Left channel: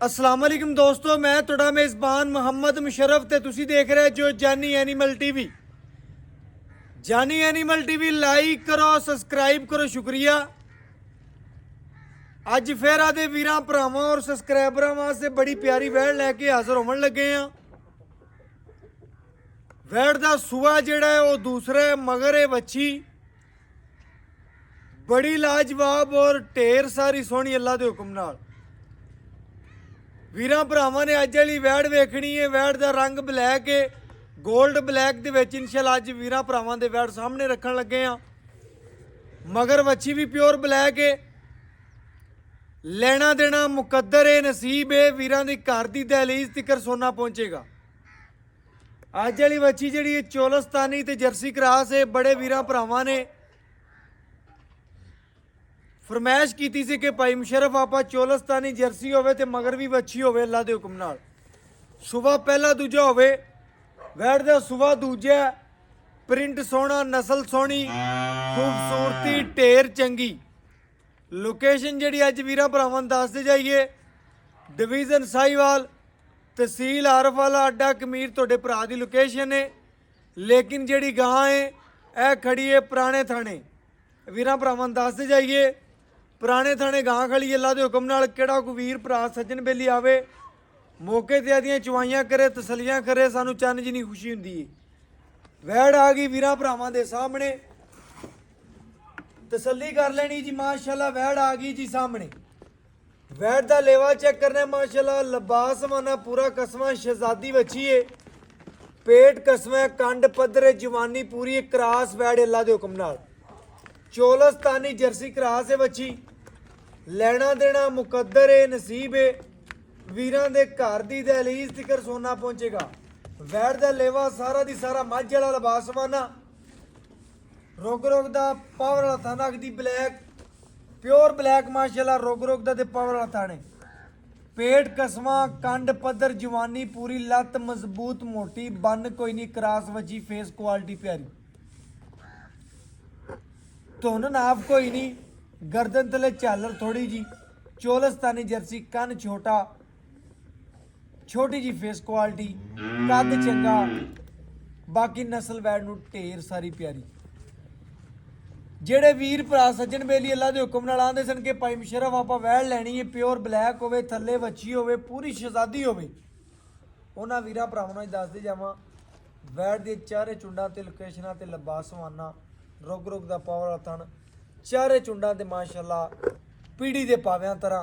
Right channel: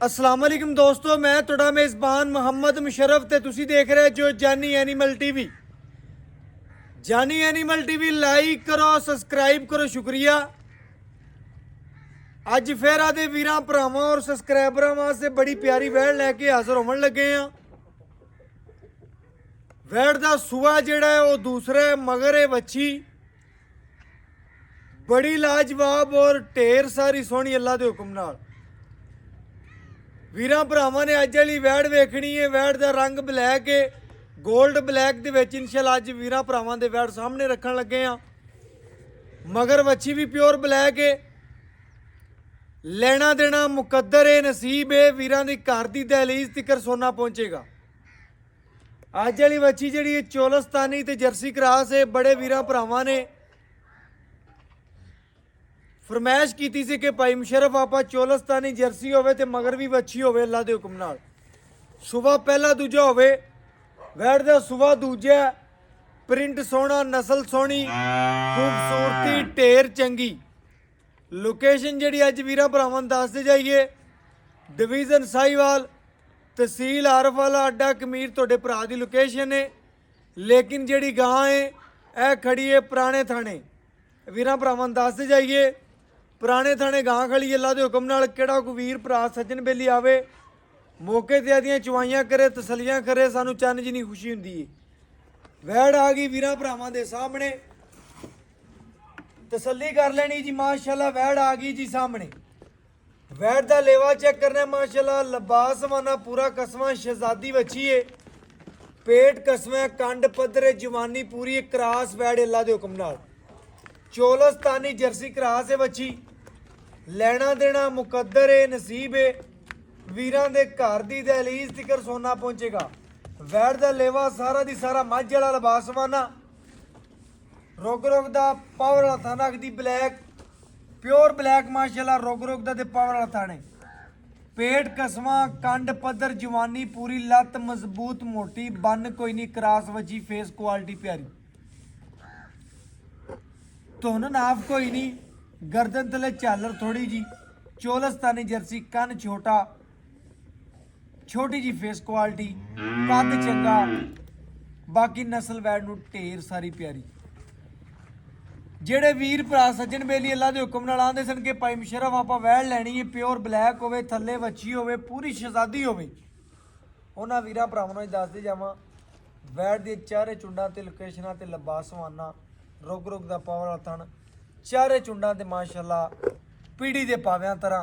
अस्सलाम वालेकुम दोस्तों, मैं ਤੁਹਾਡਾ मेज़बान ਮੁਹੰਮਦ ਮੁਸ਼ਰਫ ਤੇ ਤੁਸੀਂ ਦੇਖ ਰਹੇ ਜੋ ਜਾਨੀ ਐਨੀਮਲ ਟੀਵੀ। ਜਾਨੀ ਐਨੀਮਲ ਟੀਵੀ ਲਾਈਕ ਕਰੋ, ਸਬਸਕ੍ਰਾਈਬ ਕਰੋ, ਸ਼ੁਕਰੀਆ। ਅੱਜ ਫੇਰ ਆਦੇ ਵੀਰਾਂ ਭਰਾਵਾਂ ਔਰ ਸਬਸਕ੍ਰਾਈਬਰਾਂ ਵਾਸਤੇ ਬੜੀ ਪਿਆਰੀ ਵੈੜ ਲੈ ਕੇ ਹਾਜ਼ਰ ਹੋਣ ਲੱਗੇ ਆ। ਵੈੜ ਦਾ ਸੂਆ ਜਿਹੜਾ ਹੈ ਉਹ ਦੂਸਰੇ ਮਗਰ ਹੈ ਵੱਛੀ, ਬੜੀ ਲਾਜਵਾਬ ਔਰ ਢੇਰ ਸਾਰੀ ਸੋਹਣੀ ਅੱਲਾ ਦੇ ਹੁਕਮ ਨਾਲ। ਵੀਰਾਂ ਭਰਾਵਾਂ ਨੇ ਅੱਜ ਵਾਲੀ ਵੈੜ ਵੇਖਣੀ ਹੈ। ਵੈੜ ਦਾ ਰੰਗ ਬਲੈਕ ਹੈ, ਗੋਲਡ ਬਲੈਕ ਦੇ ਵਿੱਚ ਇਨਸ਼ਾਅੱਲਾ ਅੱਜ ਵੀਰਾਂ ਭਰਾਵਾਂ ਦੇ ਵੈੜ ਸਾਹਮਣੇ ਰੱਖਣ ਲੱਗੇ ਆ। ਮਗਰ ਵੱਛੀ ਵੀ ਪਿਓਰ ਬਲੈਕ ਹੈ। ਲੈਣਾ ਦੇਣਾ ਮੁਕੱਦਰ ਹੈ, ਨਸੀਬ ਹੈ। ਵੀਰਾਂ ਦੀ ਘਰ ਦੀ ਦਹਲੀਜ਼ ਤਿਕਰ ਸੋਨਾ ਪਹੁੰਚੇਗਾ। ਅੱਜ ਵਾਲੀ ਵੱਛੀ ਜਿਹੜੀ ਹੈ ਚੋਲਸਤਾਨੀ ਤੇ ਜਰਸੀ ਕਰਾਸ ਹੈ। ਬੜੇ ਵੀਰਾਂ ਭਰਾਵਾਂ ਨੇ फरमाइश की सी कि भाई मुशरफ आप चोलस्तानी जर्सी होवे ते मगर भी वच्छी होवे अल्लाह दे हुक्म नाल। सुबह पहला दूजा होवे, वैड़ दा सुबह दूजा, प्रिंट सोहना, नस्ल सोहनी, खूबसूरती ढेर चंगी। लोकेशन जिहड़ी अज वीरां भरावां नूं दसदे जाइए, डिवीजन साहिवाल, तहसील आरफ वाला अड्डा कमीर तुहाडे भरा दी लोकेशन है। लेकिन जिहड़ी गां है यह खड़ी है पुराने थाने। वीरां भरावां नूं दसदे जाइए पुराने थाने गां खड़ी अल्लाह के हुक्म नाल। किहड़ा कोई वीर भरा सज्जन बेली आवे, मौके ते आदियां चवाइयां करे, तसलियां करे, सानू चन्न जिन्नी खुशी हुंदी है। वैड़ आ गई वीरां भरावां दे सामने, तसल्ली कर लेनी जी। माशाअल्लाह वैड़ आ गई जी सामने। वैड़ दा लेवा चेक करना माशाअल्लाह, लिबास माना पूरा कसमा, शहजादी बच्ची है, पेट कसमा, कंड पद्धर, जवानी पूरी, क्रास वैड़ अल्लाह के हुक्म नाल। चोलस्तानी जर्सी क्रास है बच्ची। ਲੈਣਾ ਦੇਣਾ ਮੁਕੱਦਰ ਹੈ, ਨਸੀਬ ਹੈ। ਵੀਰਾਂ ਦੇ ਘਰ ਦੀ ਦਹਲੀਜ਼ ਤਿਕਰ ਸੋਨਾ ਪਹੁੰਚੇਗਾ। ਵੈੜ ਦਾ ਲੇਵਾ ਸਾਰਾ ਦੀ ਸਾਰਾ ਮੱਝ ਵਾਲਾ ਲਿਬਾਸਵਾਨਾ, ਰੁਗ ਦਾ ਪਾਵਰ ਵਾਲਾ ਥਾਣਾ ਦੀ ਬਲੈਕ, ਪਿਓਰ ਬਲੈਕ ਮਾਸ਼ਾਅੱਲਾ, ਰੁਗ ਦਾ ਤੇ ਪਾਵਰ ਵਾਲਾ ਥਾਣੇ। ਪੇਟ ਕਸਮਾ, ਕੰਡ ਪੱਧਰ, ਜਵਾਨੀ ਪੂਰੀ, ਲੱਤ ਮਜ਼ਬੂਤ ਮੋਟੀ, ਬੰਨ ਕੋਈ ਨਹੀਂ, ਕਰਾਸ ਵੱਜੀ, ਫੇਸ ਕੁਆਲਿਟੀ ਪਿਆਰੀ, ਧੁਨ ਨਾਫ ਕੋਈ ਨਹੀਂ, गर्दन तले झालर थोड़ी जी। चोलस्तानी जर्सी, कन छोटा, छोटी जी फेस क्वालिटी, कद चंगा, बाकी नस्ल वैड़ नूं ढेर सारी प्यारी। जेड़े वीर भरा सज्जन बेली अल्लाह दे हुक्म नाल आंदे सन कि भाई मुशरफ आपां वैड़ लैनी है, प्योर ब्लैक होवे, थल्ले वच्छी होवे, पूरी शहजादी होवे, उन्हां वीरां भरावां नूं दसदे जावां वैड़ दे चारे चुंडां ते लोकेशनां ते लिबासवाना, रुग दा पावर वाला थण, चारे चुंडां ते माशाअल्लाह पीढ़ी दे पाव्यां तरह।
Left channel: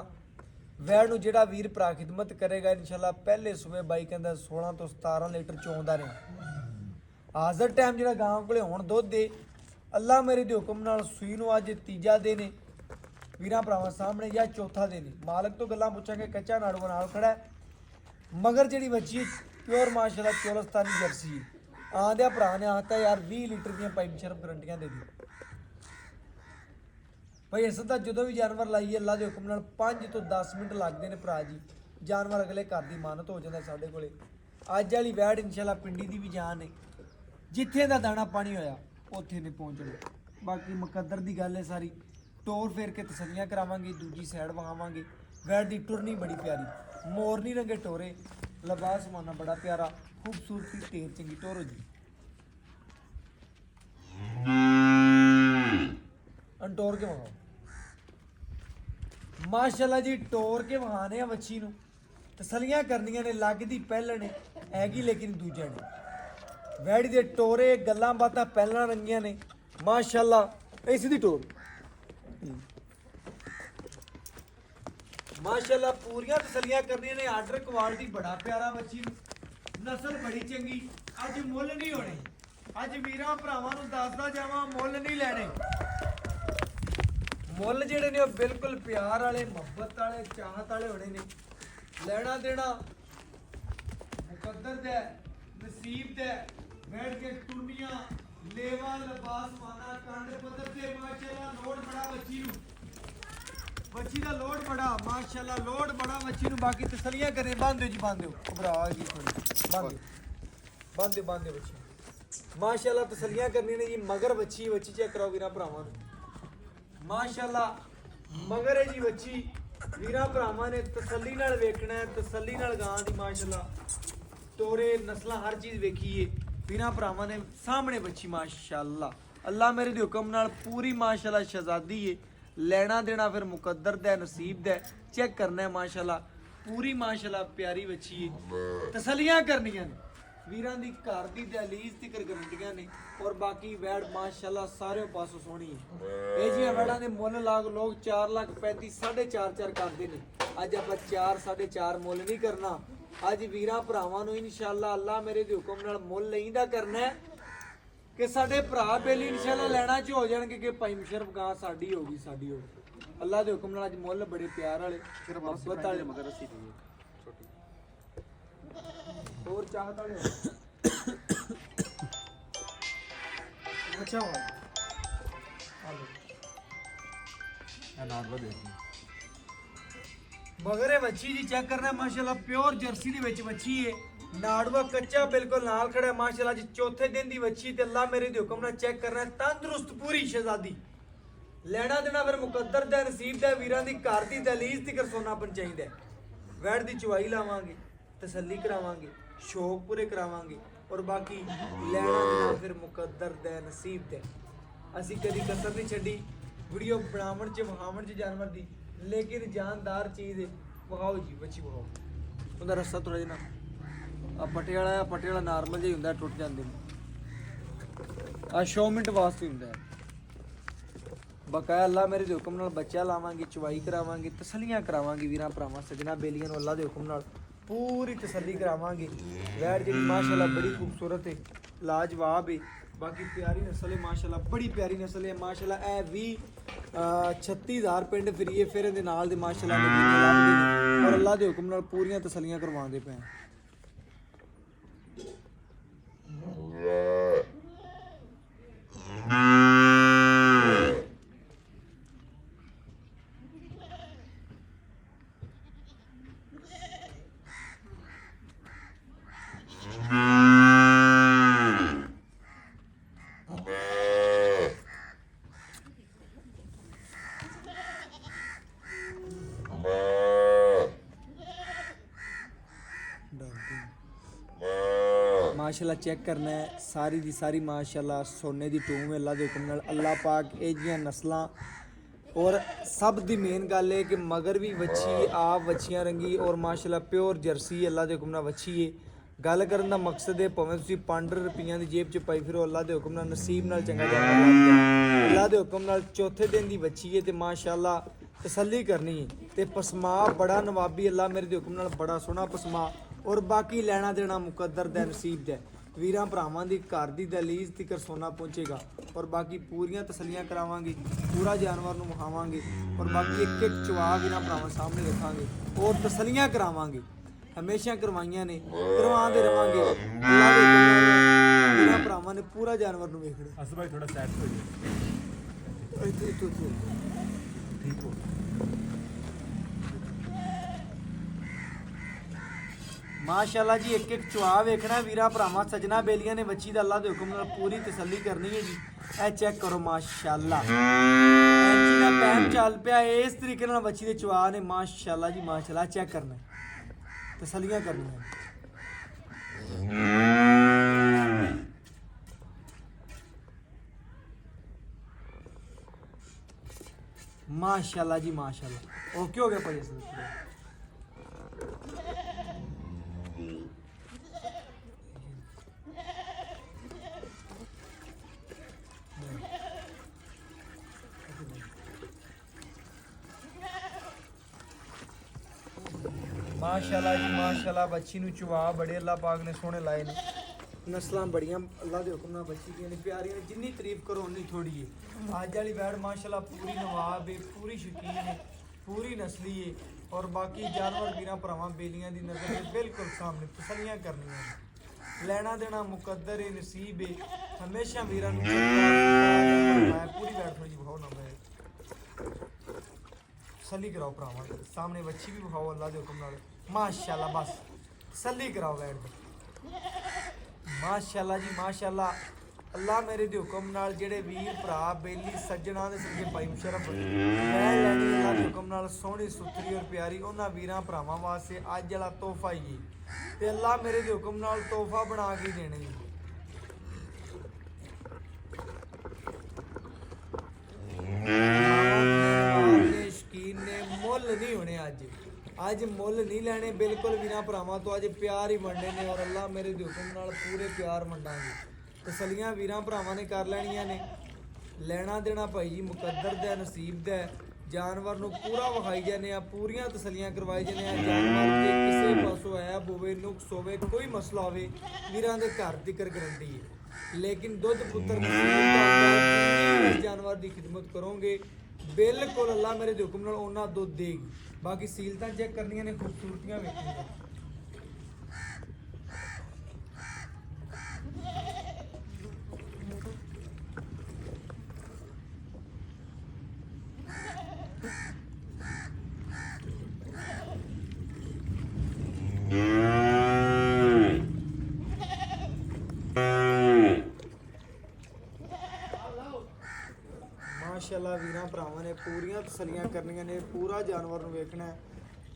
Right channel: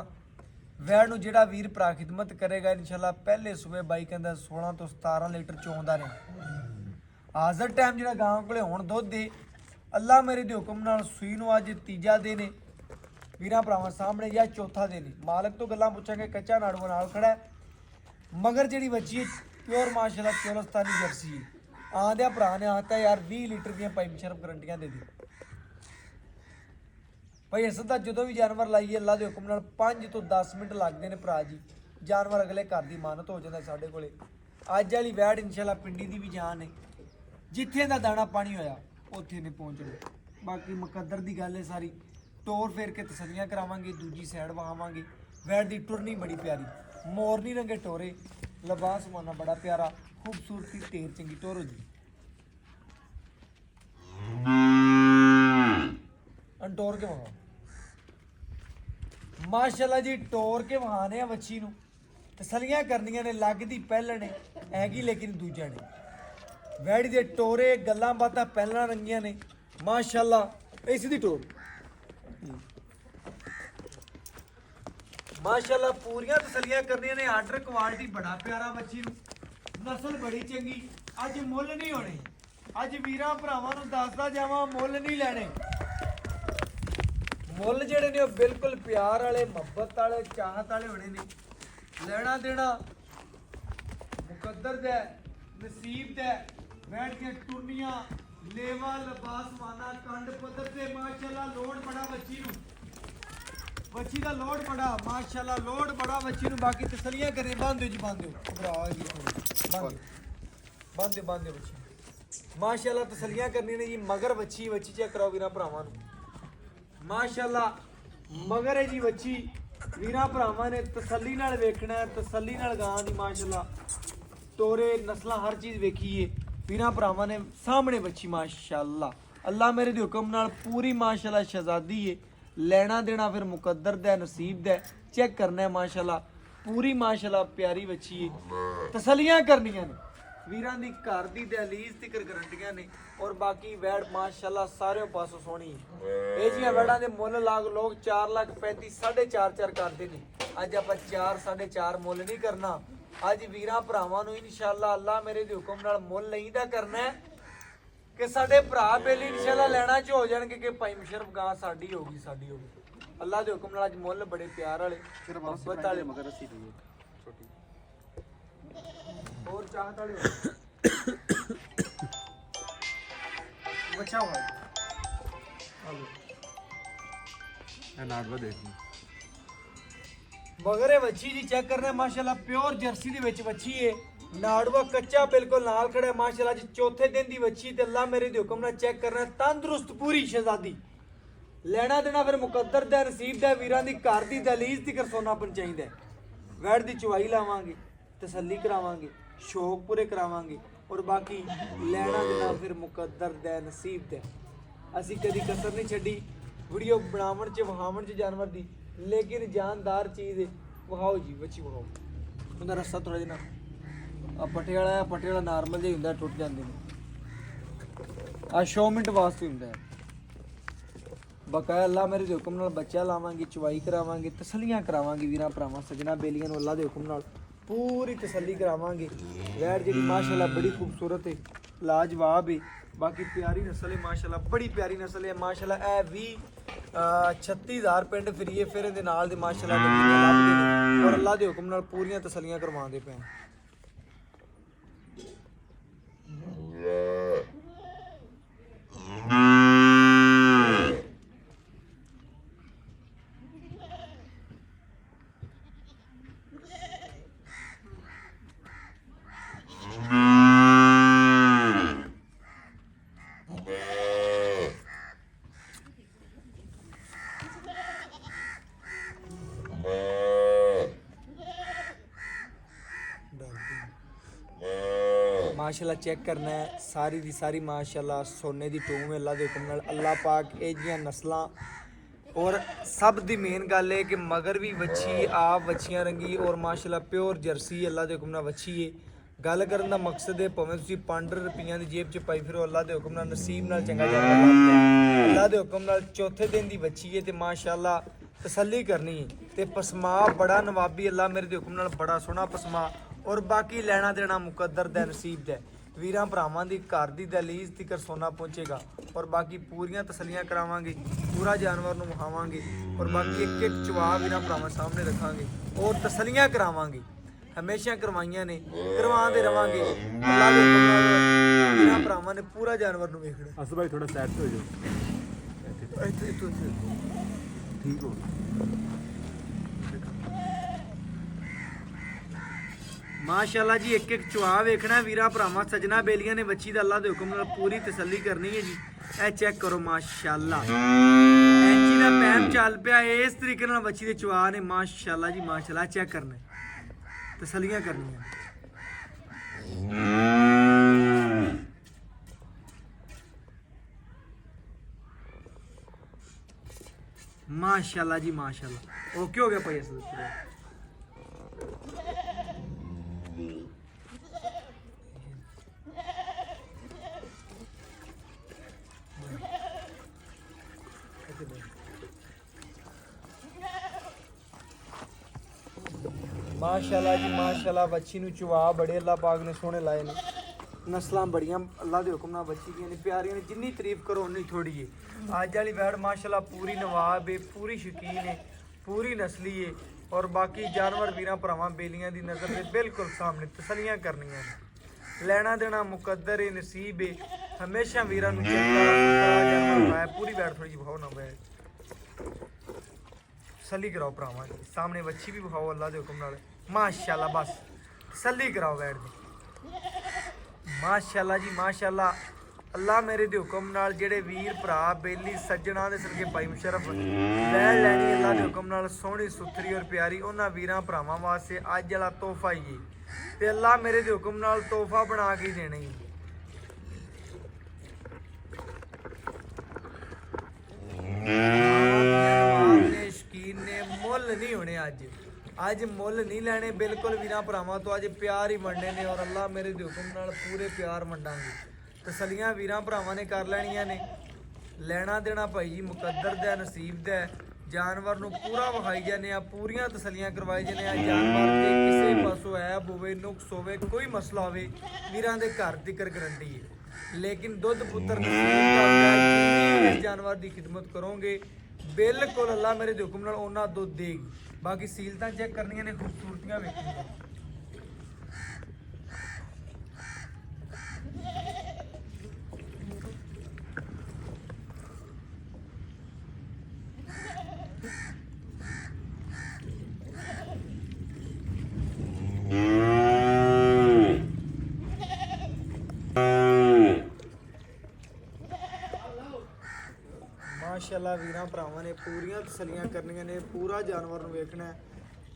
वैड़ नूं जिहड़ा वीर भरा खिदमत करेगा इंशाअल्लाह पहले सुबह बाई कहंदा 16 तो 17 लीटर चोंदा रहे। हाज़र टाइम जिहड़ा गांव कोले हुण दुध दे अल्लाह मेरे दे हुक्म नाल सूई नूं अज तीजा दिन है। वीरां भरावां सामने या चौथा दिन है। मालक तो गल्लां पुछांगे, कच्चा नाड़ू नाल खड़ा है। मगर जिहड़ी बच्ची प्योर माशाअल्लाह चोलस्तानी जर्सी है। आंदिया भरा ने आखता यार 20 लीटर दियां पाई मुशरफ गारंटियां दे दी। भाई इस तरह जो भी जानवर लाइए अल्लाह के हुक्म नाल 5 तो 10 मिनट लगते हैं भरा जी। जानवर अगले घर की मानत हो जाता साढ़े को। अज वाली वैड़ इंशाअल्लाह पिंडी की भी जान है, जिथे का दाना पानी होया उत्थे ने पहुँचना। बाकी मुकद्दर की गल है सारी। टोर फेर के तसलियां करावांगे, दूजी साइड वहावांगे। वैड़ की टुरनी बड़ी प्यारी, मोरनी रंगे टोरे, लिबास माना बड़ा प्यारा, खूबसूरती ढेर चंगी टोर जी। टोर के वहां माशाअल्लाह जी, टोर के वहाने वच्छी नूं तसलियां करनियां ने, लगदी पहलण हैगी लेकिन दूजा ने। वैड़ी दे टोरे गल्लां बातां पहलण रंगियां ने माशाअल्लाह। इस दी टोर माशाअल्लाह पूरियां तसलियां करनियां ने। आर्डर क्वालिटी बड़ा प्यारा वच्छी नूं, नस्ल बड़ी चंगी। अज मुੱਲ नहीं होने, अज वीरां भरावां नूं दसदा जावां मुੱਲ नहीं लैणे। मुੱਲ ਜਿਹੜੇ ਨੇ ਉਹ ਬਿਲਕੁਲ ਪਿਆਰ ਵਾਲੇ, ਮੁਹੱਬਤ ਵਾਲੇ, ਚਾਹਤ ਵਾਲੇ ਹੋਣੇ ਨੇ। ਲੈਣਾ ਦੇਣਾ ਮੁਕੱਦਰ ਦਾ, ਨਸੀਬ ਦਾ। ਬੈਠ ਕੇ ਟੁਰਨੀਆਂ, ਲੇਵਾ, ਲਿਬਾਸ ਮਾਨਾ, ਕੰਡ ਪੱਧਰ ਤੇ ਮਾਸ਼ਾਅੱਲਾ ਲੋਡ ਬੜਾ ਬੱਚੀ ਨੂੰ। ਬੱਚੀ ਦਾ ਲੋਡ ਬੜਾ ਮਾਸ਼ਾਅੱਲਾ, ਲੋਡ ਬੜਾ ਬੱਚੀ ਨੂੰ। ਬਾਕੀ ਤਸਲੀਆਂ ਕਰੇ, ਬੰਦ ਦਿਓ ਜੀ, ਬੰਦ ਦਿਓ, ਘਬਰਾ ਗਈ ਥੋੜੀ, ਬੰਦ ਦਿਓ ਬੱਚੀ ਮਾਸ਼ਾਅੱਲਾ। ਤਸਲੀਆਂ ਕਰਨੀਆਂ ਨੇ ਜੀ। ਮਗਰ ਬੱਚੀ ਚੈੱਕ ਕਰਾਓ ਵੀਰਾਂ ਭਰਾਵਾਂ ਨੂੰ माशाअल्लाह। मगर है जी बच्ची ਵੀਰਾਂ ਭਰਾਵਾਂ ਨੇ ਤਸੱਲੀ ਨਾਲ ਵੇਖਣਾ ਹੈ, ਤਸੱਲੀ ਨਾਲ ਗਾਂ ਦੀ ਮਾਸ਼ਾਅੱਲਾ ਤੋਰੇ ਨਸਲਾਂ ਹਰ ਚੀਜ਼ ਵੇਖੀਏ। ਵੀਰਾਂ ਭਰਾਵਾਂ ਨੇ ਸਾਹਮਣੇ ਬੱਚੀ ਮਾਸ਼ਾਅੱਲਾ ਅੱਲਾ ਮੇਰੇ ਦੇ ਹੁਕਮ ਨਾਲ ਪੂਰੀ ਮਾਸ਼ਾਅੱਲਾ ਸ਼ਹਿਜ਼ਾਦੀ ਏ। ਲੈਣਾ ਦੇਣਾ ਫਿਰ ਮੁਕੱਦਰ ਦਾ ਨਸੀਬ ਦਾ ਚੈੱਕ ਕਰਨਾ ਹੈ ਮਾਸ਼ਾਅੱਲਾ ਪੂਰੀ ਮਾਸ਼ਾਅੱਲਾ ਪਿਆਰੀ ਬੱਚੀ ਏ। ਤਸੱਲੀਆਂ ਕਰਨੀਆਂ ਨੇ ਵੀਰਾਂ ਦੀ ਘਰ ਦੀ ਦਹਲੀਜ਼ ਤਿਕਰ ਗਰੰਟੀਆਂ ਨੇ ਔਰ ਬਾਕੀ ਵੈੜ ਮਾਸ਼ਾਅੱਲਾ ਸਾਰੇ ਪਾਸੋਂ ਸੋਹਣੀ ਹੈ। ਇਹ ਜੀਆਂ ਵੈੜਾਂ ਦੇ ਮੁੱਲ ਲੋਕ 4 ਲੱਖ 35 4.5 ਕਰਦੇ ਨੇ। ਅੱਜ ਆਪਾਂ 4 4.5 ਮੁੱਲ ਨਹੀਂ ਕਰਨਾ। ਅੱਜ ਵੀਰਾਂ ਭਰਾਵਾਂ ਨੂੰ ਇਨਸ਼ਾਅੱਲਾ ਅੱਲਾ ਮੇਰੇ ਦੇ ਹੁਕਮ ਨਾਲ ਮੁੱਲ ਲਈਦਾ ਕਰਨਾ ਹੈ ਕਿ ਸਾਡੇ ਭਰਾ ਬੇਲੀ ਇਨਸ਼ਾਅੱਲਾ ਲੈਣਾ ਚ ਹੋ ਜਾਣਗੇ ਕਿ ਭਾਈ ਮੁਸ਼ਰਫ ਗਾਂ ਸਾਡੀ ਹੋਗੀ ਸਾਡੀ ਹੋਗੀ। ਅੱਲਾ ਦੇ ਹੁਕਮ ਨਾਲ ਅੱਜ ਮੁੱਲ ਬੜੇ ਪਿਆਰ ਵਾਲੇ ਮੁਹੱਬਤ ਵਾਲੇ ਮਗਰ ਅਸੀਂ ਦੀ ਛੋਟੀ और चाहत वाले बचा हुआ आलू ਨਾੜਵਾ ਦੇਖ ਮਗਰ ਇਹ ਵੱਛੀ ਜੀ ਚੈੱਕ ਕਰਨਾ ਮਾਸ਼ਾਅੱਲਾ ਪਿਓਰ ਜਰਸੀ ਦੀ ਵਿੱਚ ਵੱਛੀ ਏ। ਨਾੜਵਾ ਕੱਚਾ ਬਿਲਕੁਲ ਨਾਲ ਖੜਾ ਮਾਸ਼ਾਅੱਲਾ ਜੀ ਚੌਥੇ ਦਿਨ ਦੀ ਵੱਛੀ ਤੇ ਅੱਲਾ ਮੇਰੇ ਦੇ ਹੁਕਮ ਨਾਲ ਚੈੱਕ ਕਰਨਾ ਤੰਦਰੁਸਤ ਪੂਰੀ ਸ਼ਹਿਜ਼ਾਦੀ। ਲੈਣਾ ਦੇਣਾ ਫਿਰ ਮੁਕੱਦਰ ਦਾ ਨਸੀਬ ਦਾ ਵੀਰਾਂ ਦੀ ਘਰ ਦੀ ਦਹਲੀਜ਼ ਤੀਕਰ ਸੋਨਾ ਪਹੁੰਚਾਈਦਾ। ਵੈੜ ਦੀ ਚੁਆਈ ਲਾਵਾਂਗੇ ਤਸੱਲੀ ਕਰਾਵਾਂਗੇ ਸ਼ੌਕ ਪੂਰੇ ਕਰਾਵਾਂਗੇ ਔਰ ਬਾਕੀ ਲੈਣਾ ਦੇਣਾ ਫਿਰ ਮੁਕੱਦਰ ਦਾ ਨਸੀਬ ਦਾ। ਅਸੀਂ ਕਦੀ ਕਸਰ ਨਹੀਂ ਛੱਡੀ ਵੀਡੀਓ ਬਣਾਉਣ ਚ ਵਿਖਾਉਣ ਚ ਜਾਨਵਰ ਦੀ ਲੇਕਿਨ ਜਾਨਦਾਰ ਚੀਜ਼ ਵਿਖਾਓ ਜੀ ਬੱਚੀ ਵਿਖਾਓ। ਉਹਦਾ ਰਸਤਾ ਥੋੜਾ ਜਿਹਾ ਪੱਟੇ ਵਾਲਾ ਨਾਰਮਲ ਜਿਹਾ ਹੁੰਦਾ ਟੁੱਟ ਜਾਂਦੇ ਨੇ ਆ ਸ਼ੋ ਮਿੰਟ ਵਾਸਤੇ ਹੁੰਦਾ ਹੈ। ਬਕਾਇਆ ਅੱਲਾ ਮੇਰੇ ਦੇ ਹੁਕਮ ਨਾਲ ਬੱਚਾ ਲਾਵਾਂਗੇ ਚੁਆਈ ਕਰਾਵਾਂਗੇ ਤਸੱਲੀਆਂ ਕਰਾਵਾਂਗੇ ਵੀਰਾਂ ਭਰਾਵਾਂ ਸੱਜਣਾ ਬੇਲੀਆਂ ਨੂੰ ਅੱਲਾ ਦੇ ਹੁਕਮ ਨਾਲ ਪੂਰੀ ਤਸੱਲੀ ਕਰਾਵਾਂਗੇ। ਵੈੜ ਜਿਹੜੀ ਮਾਸ਼ਾਅੱਲਾ ਬੜੀ ਖੂਬਸੂਰਤ ਹੈ ਲਾਜਵਾਬ ਹੈ ਬਾਕੀ ਪਿਆਰੀ ਨਸਲ ਹੈ ਮਾਸ਼ਾਅੱਲਾ ਬੜੀ ਪਿਆਰੀ ਨਸਲ ਹੈ ਮਾਸ਼ਾਅੱਲਾ। ਇਹ ਵੀ 36000 ਪਿੰਡ ਫਿਰੀਏ ਫਿਰ ਇਹਦੇ ਨਾਲ ਦੇ ਮਾਸ਼ਾਅੱਲਾ ਨਗੀਨੇ ਲੱਭਦੇ ਨੇ ਔਰ ਅੱਲਾ ਦੇ ਹੁਕਮ ਨਾਲ ਪੂਰੀਆਂ ਤਸੱਲੀਆਂ ਕਰਵਾਉਂਦੇ ਪਏ। माशाल्लाह चेक करना है सारी दी सारी माशाल्लाह सोने दी टूम अल्लाह दे हुक्म नाल अल्लाह पाक ਇਹ ਜੀਆਂ ਨਸਲਾਂ ਔਰ ਸਭ ਦੀ ਮੇਨ ਗੱਲ ਹੈ ਕਿ ਮਗਰ ਵੀ ਵੱਛੀ ਆਪ ਵੱਛੀਆਂ ਰੰਗੀ ਔਰ ਮਾਸ਼ਾਅੱਲਾ ਪਿਓਰ ਜਰਸੀ ਅੱਲਾਹ ਦੇ ਹੁਕਮ ਨਾਲ ਵੱਛੀ ਹੈ। ਗੱਲ ਕਰਨ ਦਾ ਮਕਸਦ ਹੈ ਭਾਵੇਂ ਤੁਸੀਂ 5 ਰੁਪਈਆਂ ਦੀ ਜੇਬ 'ਚ ਪਾਈ ਫਿਰੋ ਅੱਲਾਹ ਦੇ ਹੁਕਮ ਨਾਲ ਨਸੀਬ ਨਾਲ ਚੰਗਾ ਜਾਨਵਰ ਲੱਭ ਜਾਏ। ਅੱਲਾਹ ਦੇ ਹੁਕਮ ਨਾਲ ਚੌਥੇ ਦਿਨ ਦੀ ਵੱਛੀ ਹੈ ਤੇ ਮਾਸ਼ਾਅੱਲਾ ਤਸੱਲੀ ਕਰਨੀ ਹੈ ਤੇ ਪਸਮਾ ਬੜਾ ਨਵਾਬੀ ਅੱਲਾਹ ਮੇਰੇ ਦੇ ਹੁਕਮ ਨਾਲ ਬੜਾ ਸੋਹਣਾ ਪਸਮਾ ਔਰ ਬਾਕੀ ਲੈਣਾ ਦੇਣਾ ਮੁਕੱਦਰ ਦਾ ਨਸੀਬ ਦਾ। ਵੀਰਾਂ ਭਰਾਵਾਂ ਦੀ ਘਰ ਦੀ ਦਹਲੀਜ਼ ਤੀਕਰ ਸੋਨਾ ਪਹੁੰਚੇਗਾ ਔਰ ਬਾਕੀ ਪੂਰੀਆਂ ਤਸੱਲੀਆਂ ਕਰਾਵਾਂਗੇ ਪੂਰਾ ਜਾਨਵਰ ਨੂੰ ਵਿਖਾਵਾਂਗੇ ਔਰ ਬਾਕੀ ਇੱਕ ਇੱਕ ਚਵਾ ਵੀਰਾਂ ਭਰਾਵਾਂ ਸਾਹਮਣੇ ਰੱਖਾਂਗੇ ਔਰ ਤਸੱਲੀਆਂ ਕਰਾਵਾਂਗੇ ਹਮੇਸ਼ਾ ਕਰਵਾਈਆਂ ਨੇ ਕਰਵਾਉਂਦੇ ਰਵਾਂਗੇ। ਅੱਲਾਹ ਦੇ ਹੁਕਮ ਨਾਲ ਵੀਰਾਂ ਭਰਾਵਾਂ ਨੇ ਪੂਰਾ ਜਾਨਵਰ ਨੂੰ ਵੇਖਣਾ। ਅਸ ਭਾਈ ਥੋੜਾ ਸੈਟ ਹੋ ਜਾਓ ਇੱਥੇ ਠੀਕ ਹੋ माशाल्लाह जी एक एक चुआ वेखना वीरा भरावां सजना बेलियां ने बच्ची दा अल्लाह दे हुक्म नाल पूरी तसल्ली करनी है जी। ए चेक करो माशाल्लाह ऐची दा पैम चल पिया इस तरीके नाल बच्ची दे चुआ ने माशाल्लाह जी माशाल्लाह चेक करना है तसल्लियां करनियां। माशाल्लाह जी माशाल्लाह ओके हो गया भाई असल माशाल्लाह जी माशाल्लाह बच्ची नूं चुआ बड़े अल्लाह पाक ने सोहने लाए ने नस्लां बड़ियां अल्लाह दे हुक्म नाल बच्ची दियां ने प्यारियां ने जिन्नी तारीफ करो उन्नी थोड़ी है। अज वाली वैड़ माशाल्लाह पूरी नवाब है पूरी शकीन है पूरी नस्ली है और बाकी जानवर वीरां भरावां बेलियां दी नज़र दे बिल्कुल सामने तसल्लियां करनियां ने लेना देना मुकद्दर है नसीब है हमेशा वीरां नूं जानवर पूरी वैड़ थोड़ी जी भाव ना वैड़ तसल्ली कराओ भरावां सामने बच्ची भी विखाओ अल्लाह दे हुक्म नाल माशाल्लाह बस तसल्ली कराओ वैड़ दी माशाल्लाह जी माशाल्लाह ਅੱਲਾ ਮੇਰੇ ਦੇ ਹੁਕਮ ਨਾਲ ਜਿਹੜੇ ਵੀਰ ਭਰਾ ਬੇਲੀ ਸੱਜਣਾ ਦੇ ਸਦਕੇ ਭਾਈ ਮੁਸ਼ਰਫ ਵੈਲ ਲੈਣੀ ਅੱਲਾ ਦੇ ਹੁਕਮ ਨਾਲ ਸੋਹਣੀ ਸੁਥਰੀ ਔਰ ਪਿਆਰੀ ਉਹਨਾਂ ਵੀਰਾਂ ਭਰਾਵਾਂ ਵਾਸਤੇ ਅੱਜ ਵਾਲਾ ਤੋਹਫਾ ਹੀ ਤੇ ਅੱਲਾ ਮੇਰੇ ਦੇ ਹੁਕਮ ਨਾਲ ਤੋਹਫਾ ਬਣਾ ਕੇ ਦੇਣਾ ਹੀ। ਸ਼ਕੀਨ ਨੇ ਮੁੱਲ ਨਹੀਂ ਹੋਣੇ ਅੱਜ ਮੁੱਲ ਨਹੀਂ ਲੈਣੇ ਬਿਲਕੁਲ ਵੀਰਾਂ ਭਰਾਵਾਂ ਤੋਂ ਅੱਜ ਪਿਆਰ ਹੀ ਮੰਨਣੇ ਨੇ ਔਰ ਅੱਲਾ ਮੇਰੇ ਦੇ ਹੁਕਮ ਨਾਲ ਪੂਰੇ ਪਿਆਰ ਮੰਨਾਂਗੇ। ਤਸੱਲੀਆਂ ਵੀਰਾਂ ਭਰਾਵਾਂ ਨੇ ਕਰ ਲੈਣੀਆਂ ਨੇ। ਲੈਣਾ ਦੇਣਾ ਭਾਈ ਜੀ ਮੁਕੱਦਰ ਦਾ ਨਸੀਬ ਦਾ ਜਾਨਵਰ ਨੂੰ ਪੂਰਾ ਵਿਖਾਈ ਜਾਂਦੇ ਆ ਪੂਰੀਆਂ ਤਸੱਲੀਆਂ ਕਰਵਾਈ ਜਾਂਦੇ ਆ। ਜਾਨਵਰ ਦੇ ਕਿਸੇ ਪਾਸੋਂ ਐਬ ਹੋਵੇ ਨੁਕਸ ਹੋਵੇ ਕੋਈ ਮਸਲਾ ਹੋਵੇ ਵੀਰਾਂ ਦੇ ਘਰ ਦੀ ਗਰੰਟੀ ਹੈ। ਲੇਕਿਨ ਦੁੱਧ ਪੁੱਤਰ ਜਾਨਵਰ ਦੀ ਖਿਦਮਤ ਕਰੋਗੇ ਬਿਲਕੁਲ ਅੱਲਾ ਮੇਰੇ ਦੇ ਹੁਕਮ ਨਾਲ ਉਹਨਾਂ ਦੁੱਧ ਦੇਗੀ। ਬਾਕੀ ਸੀਲਤਾਂ ਚੈੱਕ ਕਰਨੀਆਂ ਨੇ ਖੂਬਸੂਰਤੀਆਂ ਵੇਖਣੀਆਂ। ਮਾਸ਼ਾਅੱਲਾ ਵੀਰਾਂ ਭਰਾਵਾਂ ਨੇ ਪੂਰੀਆਂ ਤਸੱਲੀਆਂ ਕਰਨੀਆਂ ਨੇ ਪੂਰਾ ਜਾਨਵਰ ਨੂੰ ਵੇਖਣਾ ਹੈ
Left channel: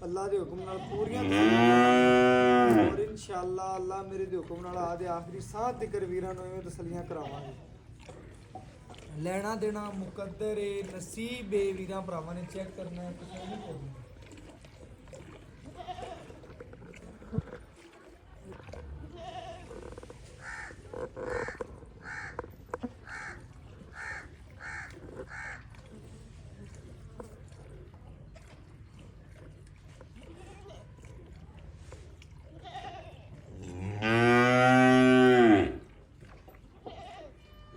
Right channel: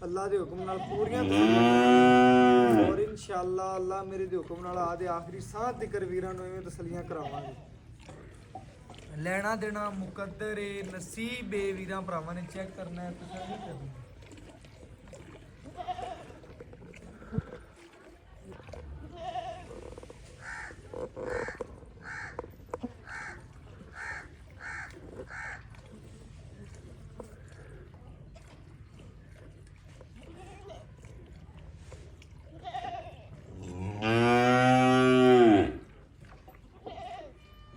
ਅੱਲਾ ਦੇ ਹੁਕਮ ਨਾਲ ਪੂਰੀਆਂ ਤਸੱਲੀਆਂ ਕਰਨੀਆਂ ਔਰ ਇਨਸ਼ਾਅੱਲਾ ਅੱਲਾ ਮੇਰੇ ਦੇ ਹੁਕਮ ਨਾਲ ਆਦੇ ਆਖਰੀ ਸਾਹ ਤੱਕ ਵੀਰਾਂ ਨੂੰ ਇਵੇਂ ਤਸੱਲੀਆਂ ਕਰਾਵਾਂਗੇ। ਲੈਣਾ ਦੇਣਾ ਮੁਕੱਦਰ ਏ ਨਸੀਬ ਏ ਵੀਰਾਂ ਭਰਾਵਾਂ ਨੇ ਚੈੱਕ ਕਰਨਾ ਹੈ ਤਸੱਲੀ ਕਰਨੀ ਹੈ।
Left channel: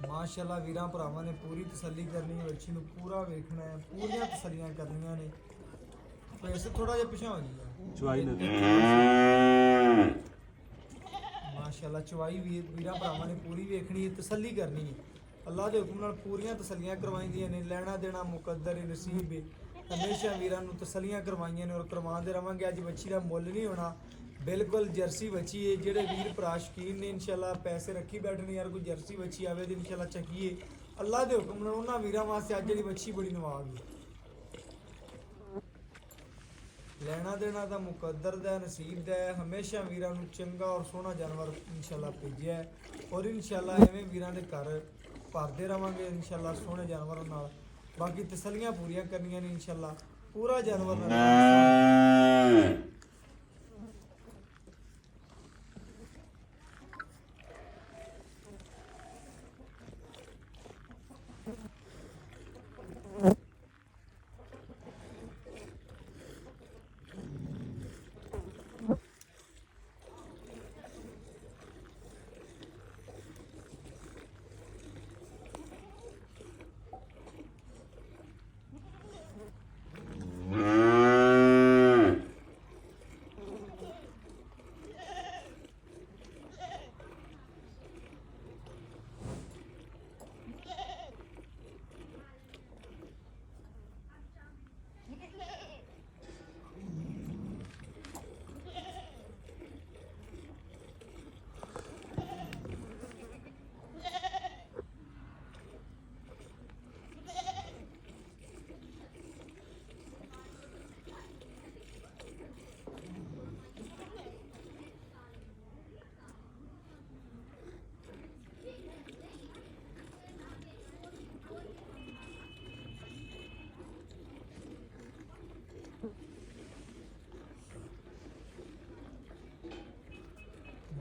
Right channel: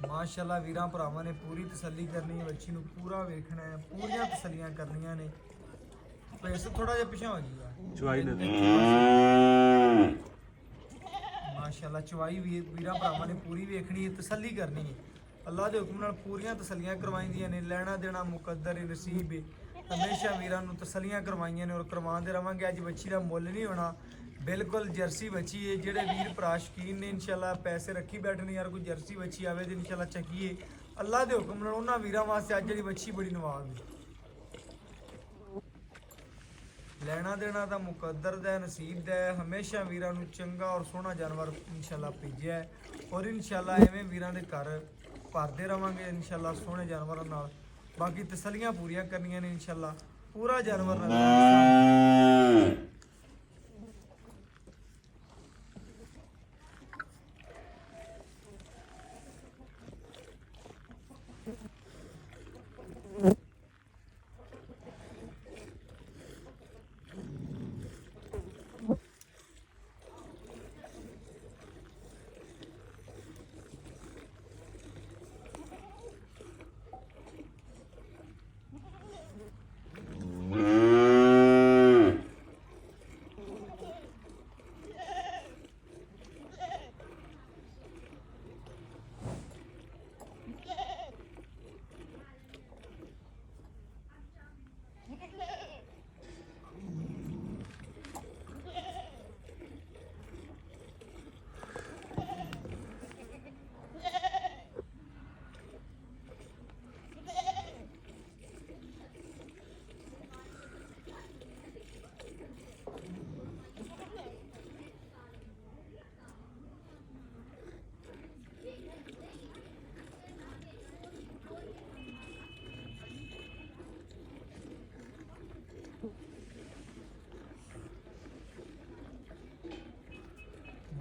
ਮਾਸ਼ਾਅੱਲਾ ਵੀਰਾਂ ਭਰਾਵਾਂ ਨੇ ਪੂਰੀ ਤਸੱਲੀ ਕਰਨੀ ਹੈ ਬੱਚੀ ਨੂੰ ਪੂਰਾ ਵੇਖਣਾ ਹੈ ਪੂਰੀਆਂ ਤਸੱਲੀਆਂ ਕਰਨੀਆਂ ਨੇ। ਵੈਸੇ ਥੋੜਾ ਜਿਹਾ ਪਿਛਾ ਹੋ ਗਿਆ ਚੁਆਈ ਨੇ ਮਾਸ਼ਾਅੱਲਾ ਚਵਾਈ ਵੀਰਾਂ ਭਰਾਵਾਂ ਨੇ ਪੂਰੀ ਵੇਖਣੀ ਹੈ ਤਸੱਲੀ ਕਰਨੀ ਹੈ। ਅੱਲਾ ਦੇ ਹੁਕਮ ਨਾਲ ਪੂਰੀਆਂ ਤਸੱਲੀਆਂ ਕਰਵਾਈਆਂ ਨੇ। ਲੈਣਾ ਦੇਣਾ ਮੁਕੱਦਰ ਹੈ ਨਸੀਬ ਹੈ। ਹਮੇਸ਼ਾ ਵੀਰਾਂ ਨੂੰ ਤਸੱਲੀਆਂ ਕਰਵਾਈਆਂ ਨੇ ਔਰ ਕਰਵਾਉਂਦੇ ਰਵਾਂਗੇ। ਅੱਜ ਬੱਚੀ ਦਾ ਮੁੱਲ ਨਹੀਂ ਹੋਣਾ ਬਿਲਕੁਲ ਜਰਸੀ ਬੱਚੀ ਹੈ। ਜਿਹੜੇ ਵੀਰ ਭਰਾ ਸ਼ਕੀਨ ਨੇ ਇਨਸ਼ਾਅੱਲਾ ਪੈਸੇ ਰੱਖੀ ਬੈਠਣੇ ਯਾਰ ਕੋਈ ਜਰਸੀ ਬੱਚੀ ਆਵੇ ਤੇ ਇਨਸ਼ਾਅੱਲਾ ਚੱਕੀਏ ਅੱਲਾ ਦੇ ਹੁਕਮ ਨਾਲ ਉਹਨਾਂ ਵੀਰਾਂ ਵਾਸਤੇ ਅੱਜ ਜਿਹੜੀ ਬੱਚੀ ਬੜੀ ਨਵਾਜ਼ ਹੈ। ਲੈਣਾ ਦੇਣਾ ਤਾਂ ਮੁਕੱਦਰ ਦਾ ਨਸੀਬ ਦਾ ਹੈ। ਹਮੇਸ਼ਾ ਵੀਰਾਂ ਨੂੰ ਚੰਗਾ ਔਰ ਸੋਹਣਾ ਜਾਨਵਰ ਇਨਸ਼ਾਅੱਲਾ ਭੇਜਿਆ ਹੈ ਔਰ ਇਨਸ਼ਾਅੱਲਾ ਐਵੇਂ ਵੀਰਾਂ ਦੇ ਘਰ ਭਰਦੇ ਰਵਾਂਗੇ ਇਨਸ਼ਾਅੱਲਾ ਸੋਹਣੇ ਜਾਨਵਰਾਂ ਨਾਲ। ਬਾਕੀ ਤਸੱਲੀਆਂ ਪੂਰੀਆਂ ਕਰਨੀਆਂ ਨੇ ਇਨਸ਼ਾਅੱਲਾ ਪੂਰਾ ਜਾਨਵਰ ਨਾਲ।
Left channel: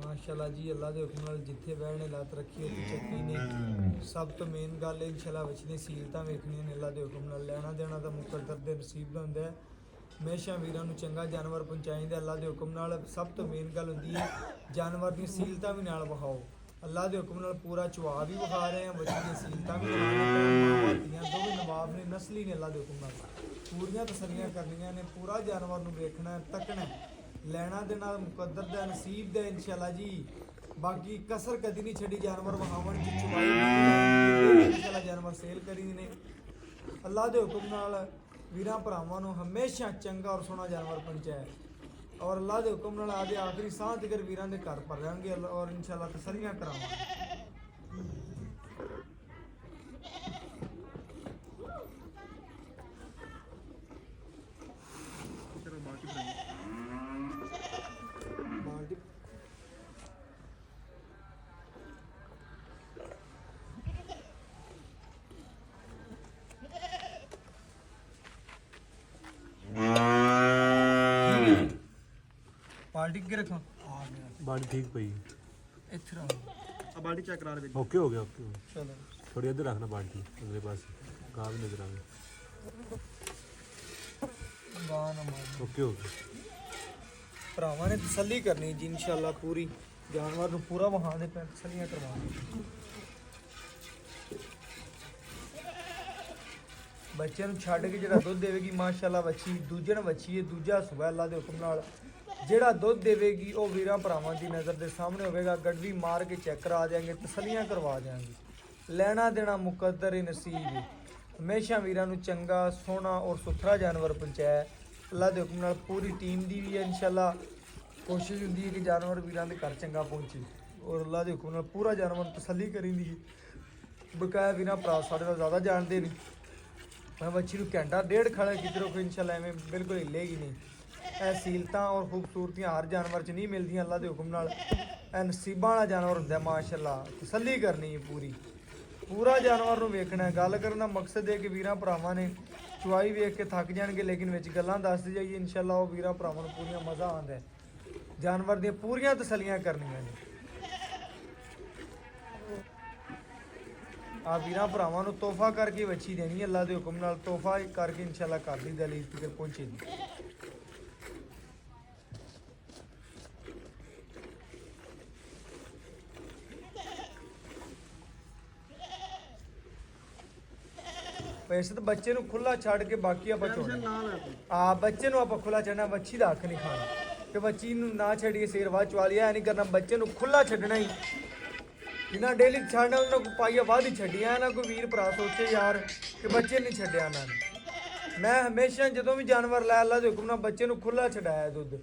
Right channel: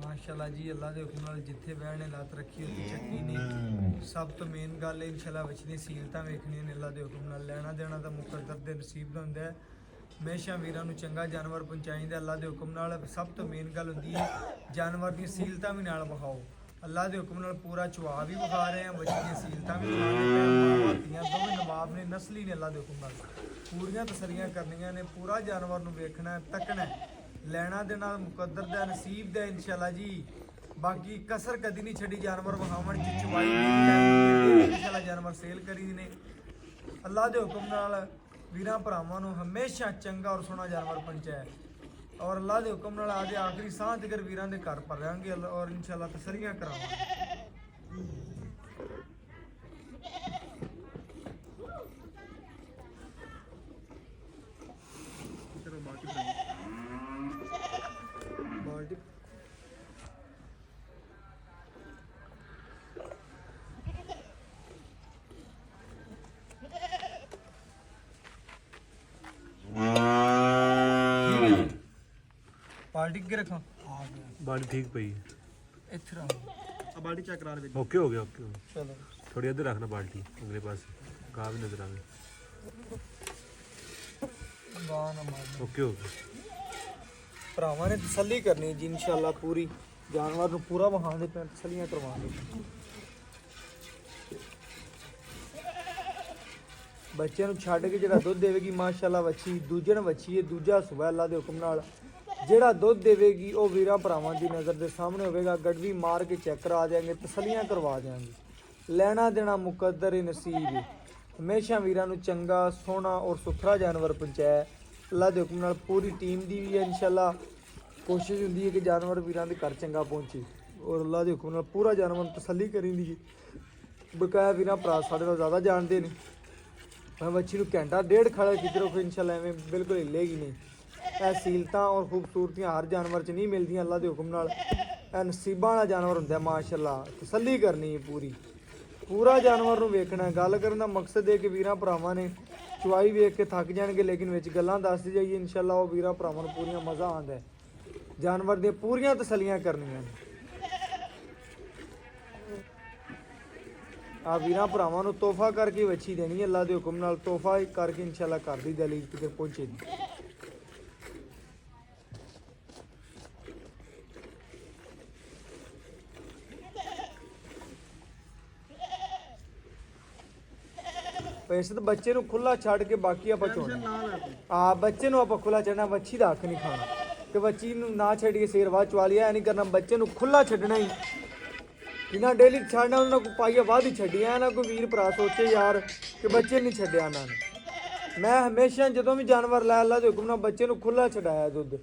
ਮਾਸ਼ਾਅੱਲਾ ਜੀ ਅੱਲਾ ਦੇ ਹੁਕਮ ਨਾਲ ਜਿੱਥੇ ਬਹਿਣੇ ਲੱਤ ਰੱਖੀ ਉੱਥੇ ਚੱਕੀ ਨੇ। ਸਭ ਤੋਂ ਮੇਨ ਗੱਲ ਹੈ ਇਨਸ਼ਾਅੱਲਾ ਵਿਚਲੀ ਸੀਲਤਾਂ ਵੇਖਣੀਆਂ ਨੇ ਅੱਲਾ ਦੇ ਹੁਕਮ ਨਾਲ। ਲੈਣਾ ਦੇਣਾ ਤਾਂ ਮੁਕੱਦਰ ਦੇ ਨਸੀਬ ਦਾ ਹੁੰਦਾ ਹੈ। ਹਮੇਸ਼ਾ ਵੀਰਾਂ ਨੂੰ ਚੰਗਾ ਜਾਨਵਰ ਪਹੁੰਚਾਈਦਾ ਅੱਲਾ ਦੇ ਹੁਕਮ ਨਾਲ। ਸਭ ਤੋਂ ਮੇਨ ਗੱਲ ਹੁੰਦੀ ਹੈ ਜਾਨਵਰ ਦੀ ਸੀਲਤਾਂ ਵੀ ਨਾਲ ਵਿਖਾਓ। ਅੱਲਾ ਦੇ ਹੁਕਮ ਨਾਲ ਪੂਰਾ ਚਵਾ ਵੀ ਵਿਖਾ ਰਹੇ ਹਾਂ ਬੱਚੀ ਦੀਆਂ ਸੀਲਤਾਂ ਵੀ ਵਿਖਾ ਰਹੇ ਹਾਂ। ਦੋਵੇਂ ਨਵਾਬ ਨੇ ਨਸਲੀ ਨੇ ਅੱਲਾ ਦੇ ਹੁਕਮ ਨਾਲ ਪੂਰੀਆਂ ਤਸੱਲੀਆਂ ਕਰਨੀਆਂ ਨੇ। ਪੂਰਾ ਜਾਨਵਰ ਨੂੰ ਵੇਖਣਾ ਤੱਕਣਾ ਲੈਣਾ ਦੇਣਾ ਮੁਕੱਦਰ ਦਾ ਨਸੀਬ ਦਾ ਇਨਸ਼ਾਅੱਲਾ ਜੀ। ਬਾਕੀ ਕਸਰ ਕਦੀ ਨਹੀਂ ਛੱਡੀ ਜਾਨਵਰ ਵਿਖਾਉਣ ਚ ਚਵਾਈ ਇਨਸ਼ਾਅੱਲਾ ਜਾਨਵਰ ਸੇਲ ਕਰੀ ਨੇ। ਅੱਲਾ ਦੇ ਹੁਕਮ ਨਾਲ ਵੀਰਾਂ ਭਰਾਵਾਂ ਨੂੰ ਹਮੇਸ਼ਾ ਚੰਗਾ ਔਰ ਸੋਹਣਾ ਜਾਨਵਰ ਪਹੁੰਚਾਇਆ ਔਰ ਅੱਲਾ ਦੇ ਹੁਕਮ ਨਾਲ ਆਦੇ ਆਖਰੀ ਸਾਹ ਤੱਕ ਵੀਰਾਂ ਦੇ ਘਰ ਭਰਾਂਗੇ ਔਰ ਇਨਸ਼ਾਅੱਲਾ ਤਸੱਲੀਆਂ ਕਰਾਵਾਂਗੇ। ਠੀਕ ਹੈ ਜੀ ਪਾਰਟੀ ਕੇ ਰੱਖਾਂ ਬਾਡੀ ਠੀਕ ਪਈ ਇੱਥੇ ਰੱਖ ਆ ਬਾਲਟੀ ਚੈੱਕ ਕਰਾ ਦੇ ਓਕੇ ਹੋ ਗਿਆ ਓਕੇ ਚਲੋ ਥੋੜੀ ਇੱਧਰ ਰੱਖਣਾ ਬਾਲਟੀ ਅਗਲੇ ਪਾਸੇ ਗਾਹ ਵੀ ਨਜ਼ਰ ਆਵੇ ਗਾਹ ਨਾ ਮਾਰ ਓਕੇ ਹੋ ਗਿਆ ਭਰਾਵਾਂ ਨੇ ਤਸੱਲੀ ਕਰਨੀ ਜੀ ਇਨਸ਼ਾਅੱਲਾ ਪੂਰੀ ਜਾਨਵਰ ਨੂੰ ਪੂਰਾ ਵਹਾਣ ਦੇ ਤਸੱਲੀਆਂ ਕਰਵਾਉਣੀ ਬੱਚੇ ਨੂੰ ਛੱਡ ਕੇ ਜਿਹੜਾ ਦੁੱਧ ਦੇਵੇਗੀ ਮਾਸ਼ਾਅੱਲਾ ਵੱਛੀ ਦੂਜੇ ਨੂੰ ਵੱਛੀ ਹੈ ਦੂਜਾ ਸੁਬਹ ਅੱਲਾ ਦੇ ਹੁਕਮ ਨਾਲ ਜਿਹੜਾ ਦੁੱਧ ਦੇਵੇਗੀ ਉਹ ਵੀਰਾਂ ਭਰਾਵਾਂ ਦੀ ਨਜ਼ਰ ਦੇ ਸਾਹਮਣੇ ਹੋਵੇਗਾ ਗੜਵੀ ਮਾਰ ਕੇ ਚੈੱਕ ਕਰਾ ਦੇਾਂਗੇ ਤਸੱਲੀਆਂ ਕਰਵਾ ਦੇਾਂਗੇ ਲੈਣਾ ਦੇਣਾ ਮੁਕੱਦਰ ਹੀ ਨਸੀਬ ਹੈ ਹਮੇਸ਼ਾ ਵੀਰਾਂ ਨੂੰ ਚੰਗਾ ਸੋਹਣਾ ਔਰ ਸੁਥਰਾ ਜਾਨਵਰ ਪਹੁੰਚਾਇਆ ਅੱਲਾ ਦੇ ਹੁਕਮ ਨਾਲ ਪੂਰੀ ਟੀਮ ਦੀ ਵੀ ਇਨਸ਼ਾਅੱਲਾ ਕੋਸ਼ਿਸ਼ ਹੁੰਦੀ ਹੈ ਕਿ ਜਾਨਵਰ ਵੀਰਾਂ ਦੇ ਘਰ ਚੰਗਾ ਪਹੁੰਚੇ ਔਰ ਅੱਲਾ ਦੇ ਹੁਕਮ ਨਾਲ ਪੂਰਾ ਜਾਨਵਰ ਤਸੱਲੀ ਕਰੀਦੀ ਹੈ ਬਕਾਇਆ ਵੀਰਾਂ ਭਰਾ ਸਾਡੇ ਤੋਂ ਜ਼ਿਆਦਾ ਜਾਣਦੇ ਨੇ ਮੈਂ ਬੱਚੀ ਨੂੰ ਘੰਟਾ ਡੇਢ ਖੜਾ ਕਿਧਰੋਂ ਫਿਰ ਇਨਸ਼ਾਅੱਲਾ ਐਵੇਂ ਬਿਲਕੁਲ ਹਿੱਲੇਗੀ ਨਹੀਂ ਇਹ ਸੀਲਤਾਂ ਔਰ ਖੂਬਸੂਰਤੀਆਂ ਹਰ ਜਾਨਵਰ 'ਚ ਨਹੀਂ ਮਿਲਦੀਆਂ ਅੱਲਾ ਦੇ ਹੁਕਮ ਨਾਲ ਇਹ ਨਸੀਬਾਂ ਵਾਲਾ ਜਾਨਵਰ ਹੁੰਦਾ ਮਾਸ਼ਾਅੱਲਾ ਤਸੱਲੀ ਕਰਨੀ ਹੈ ਪੂਰਾ ਜਾਨਵਰ ਨੂੰ ਵੇਖਣਾ ਗੱਲ ਕਰਨ ਦਾ ਮਕਸਦ ਹੈ ਕਿ ਵੀਰਾਂ ਭਰਾਵਾਂ ਨੇ ਚੁਆਈ ਵੇਖ ਕੇ ਥੱਕ ਜਾਣਗੇ ਲੇਕਿਨ ਵਿੱਚ ਗੱਲਾਂ ਦੱਸਦੇ ਜਾਈਏ ਇਨਸ਼ਾਅੱਲਾ ਉਹ ਵੀਰਾਂ ਭਰਾਵਾਂ ਨੂੰ ਪੂਰੀਆਂ ਮਜ਼ਾ ਆਉਂਦਾ ਹੈ ਜਾਨਵਰ ਦੀਆਂ ਪੂਰੀਆਂ ਤਸੱਲੀਆਂ ਕਰਨੀਆਂ ਨੇ ਆ ਵੀਰਾਂ ਭਰਾਵਾਂ ਨੂੰ ਤੋਹਫਾ ਕਰਕੇ ਵੱਛੀ ਦੇਣੀ ਹੈ ਅੱਲਾ ਦੇ ਹੁਕਮ ਨਾਲ ਤੋਹਫਾ ਕਰਕੇ ਇਨਸ਼ਾਅੱਲਾ ਘਰ ਦੀ ਦਲੀਲ ਤੇ ਪਹੁੰਚੇਗੀ ਵੈਸੇ ਤਾਂ ਬੱਚੇ ਨੂੰ ਖੁੱਲਾ ਛੱਡ ਕੇ ਬਾਕੀ ਆਪਾਂ ਟੈਨਸ਼ਨ ਨਾ ਲੈ ਤੂੰ ਆ ਬੱਚੇ ਨੂੰ ਆਪਾਂ ਖੁੱਲਾ ਛੱਡਣਾ ਵੱਛੀ ਦਾ ਹੱਕ ਨਹੀਂ ਖਾਣਾ ਕਿ ਬੱਚੀ ਨੂੰ ਨਾ ਛੱਡ ਕੇ ਸੇਰ ਬਾਅਦ ਚਵਾ ਲਿਆ ਨਹੀਂ ਕਰਨਾ ਬੱਚੇ ਨੂੰ ਖੁੱਲਾ ਛੱਡਣਾ ਹੀ ਇਹਨਾਂ ਡੇਲੀ ਛੱਡਣਾ ਉਹਨਾਂ ਨੂੰ ਪਾਈਆ ਬਾਅਦ ਹੀ ਛੱਡੀਆਂ ਨਾ ਕੋਈ ਵੀਰ ਭਰਾ ਸੋਚੇ ਯਾਰ ਕਿ ਬੱਚੇ ਨਹੀਂ ਛੱਡਿਆ ਉਹਨਾਂ ਨੇ ਮੈਂ ਹਮੇਸ਼ਾ ਜਦੋਂ ਵੀ ਜਾਨਵਰ ਲੈ ਅੱਲਾ ਦੇ ਹੁਕਮ ਨਾਲ ਬੱਚੇ ਨੂੰ ਖੁੱਲਾ ਛਡਾਇਆ ਦੁੱਧ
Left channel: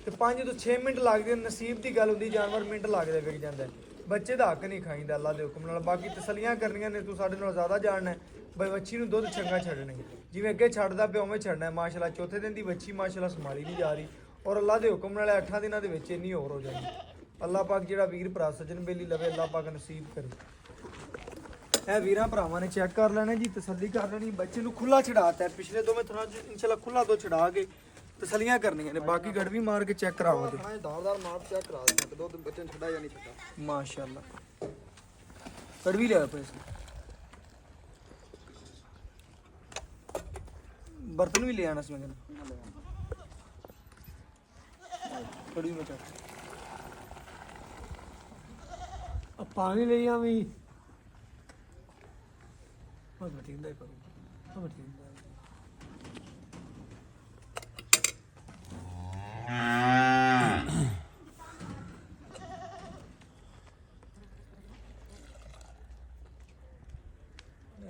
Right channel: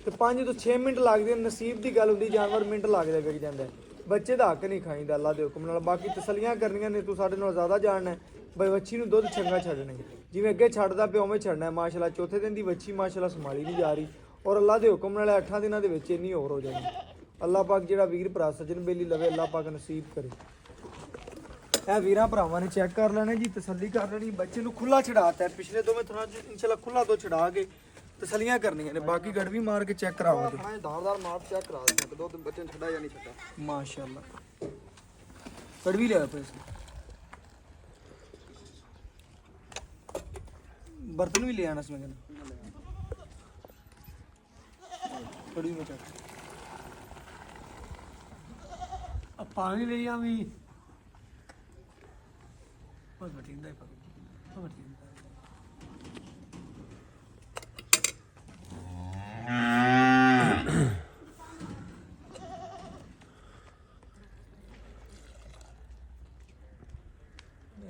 ਤੇ 5 ਤੋਂ 6 ਮਿੰਟ ਲੱਗਦੇ ਨਸੀਬ ਦੀ ਗੱਲ ਹੁੰਦੀ ਜਾਨਵਰ ਮਿੰਟ ਲੱਗਦੇ ਵਿਕ ਜਾਂਦਾ ਬੱਚੇ ਦਾ ਹੱਕ ਨਹੀਂ ਖਾਈਦਾ ਅੱਲਾ ਦੇ ਹੁਕਮ ਨਾਲ ਬਾਕੀ ਤਸੱਲੀਆਂ ਕਰਨੀਆਂ ਨੇ ਤੂੰ ਸਾਡੇ ਨਾਲ ਜ਼ਿਆਦਾ ਜਾਣਨਾ ਬਈ ਵੱਛੀ ਨੂੰ ਦੁੱਧ ਚੰਗਾ ਛੱਡਣੇ ਜਿਵੇਂ ਅੱਗੇ ਛੱਡਦਾ ਪਿਆ ਉਵੇਂ ਛੱਡਣਾ ਮਾਸ਼ਾਅੱਲਾ ਚੌਥੇ ਦਿਨ ਦੀ ਵੱਛੀ ਮਾਸ਼ਾਅੱਲਾ ਸੰਭਾਲੀ ਨਹੀਂ ਜਾ ਰਹੀ ਔਰ ਅੱਲਾ ਦੇ ਹੁਕਮ ਨਾਲ 8 ਦਿਨਾਂ ਦੇ ਵਿੱਚ ਇੰਨੀ ਹੋਰ ਹੋ ਜਾਣੀ ਅੱਲਾ ਪਾਕ ਜਿਹੜਾ ਵੀਰ ਭਰਾ ਸੱਜਣ ਬੇਲੀ ਲਵੇ ਅੱਲਾ ਪਾਕ ਨਸੀਬ ਕਰੇ ਇਹ ਵੀਰਾਂ ਭਰਾਵਾਂ ਨੇ ਚੈੱਕ ਕਰ ਲੈਣਾ ਜੀ ਤਸੱਲੀ ਕਰ ਲੈਣੀ ਬੱਚੇ ਨੂੰ ਖੁੱਲਾ ਛਡਾਤਾ ਪਿਛਲੇ ਦੋਵੇਂ ਥਾਂ ਇਨਸ਼ਾਅੱਲਾ ਖੁੱਲਾ ਦੋ ਛਡਾ ਕੇ ਤਸੱਲੀਆਂ ਕਰਨੀਆਂ ਨੇ ਬਾਕੀ ਗੜਵੀ ਮਾਰ ਕੇ ਚੈੱਕ ਕਰਾਵਾਂਗੇ ਹਾਂ ਧਾਰਦਾਰ ਮਾਪ ਚੈੱਕ ਕਰਾ ਦੇ ਦੋ ਦਿਨ ਬੱਚੇ ਨੂੰ ਛੱਡਾ ਜਾਂ ਨਹੀਂ ਛੱਡਾ ਮਾਸ਼ਾਅੱਲਾ ਗੜਵੀ ਲਿਆ ਪੈਸੇ बर्तन भी ले आना इसमें कड़ी में चल अब पानी ले आवी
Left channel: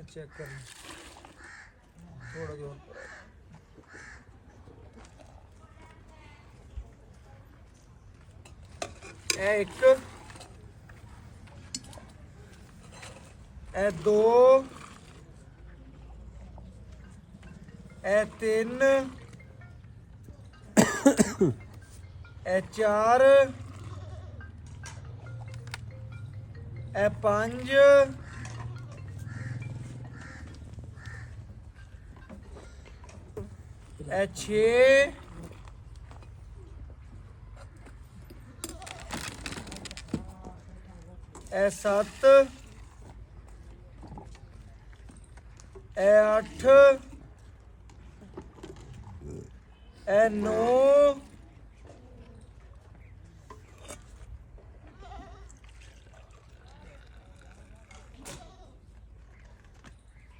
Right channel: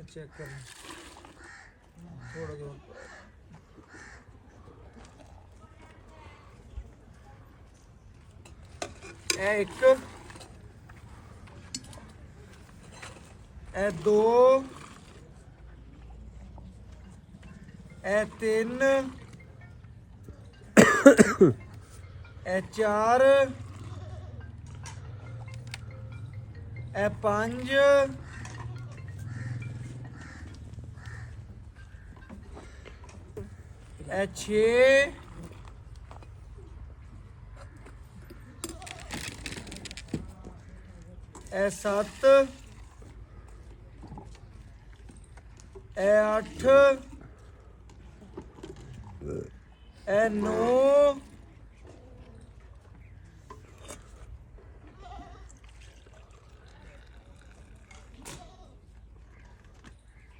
चेक कर थोड़ा जोर एक ए दो ए तीन ए चार ए पांच ए छे ए 7 ए 8 ए 9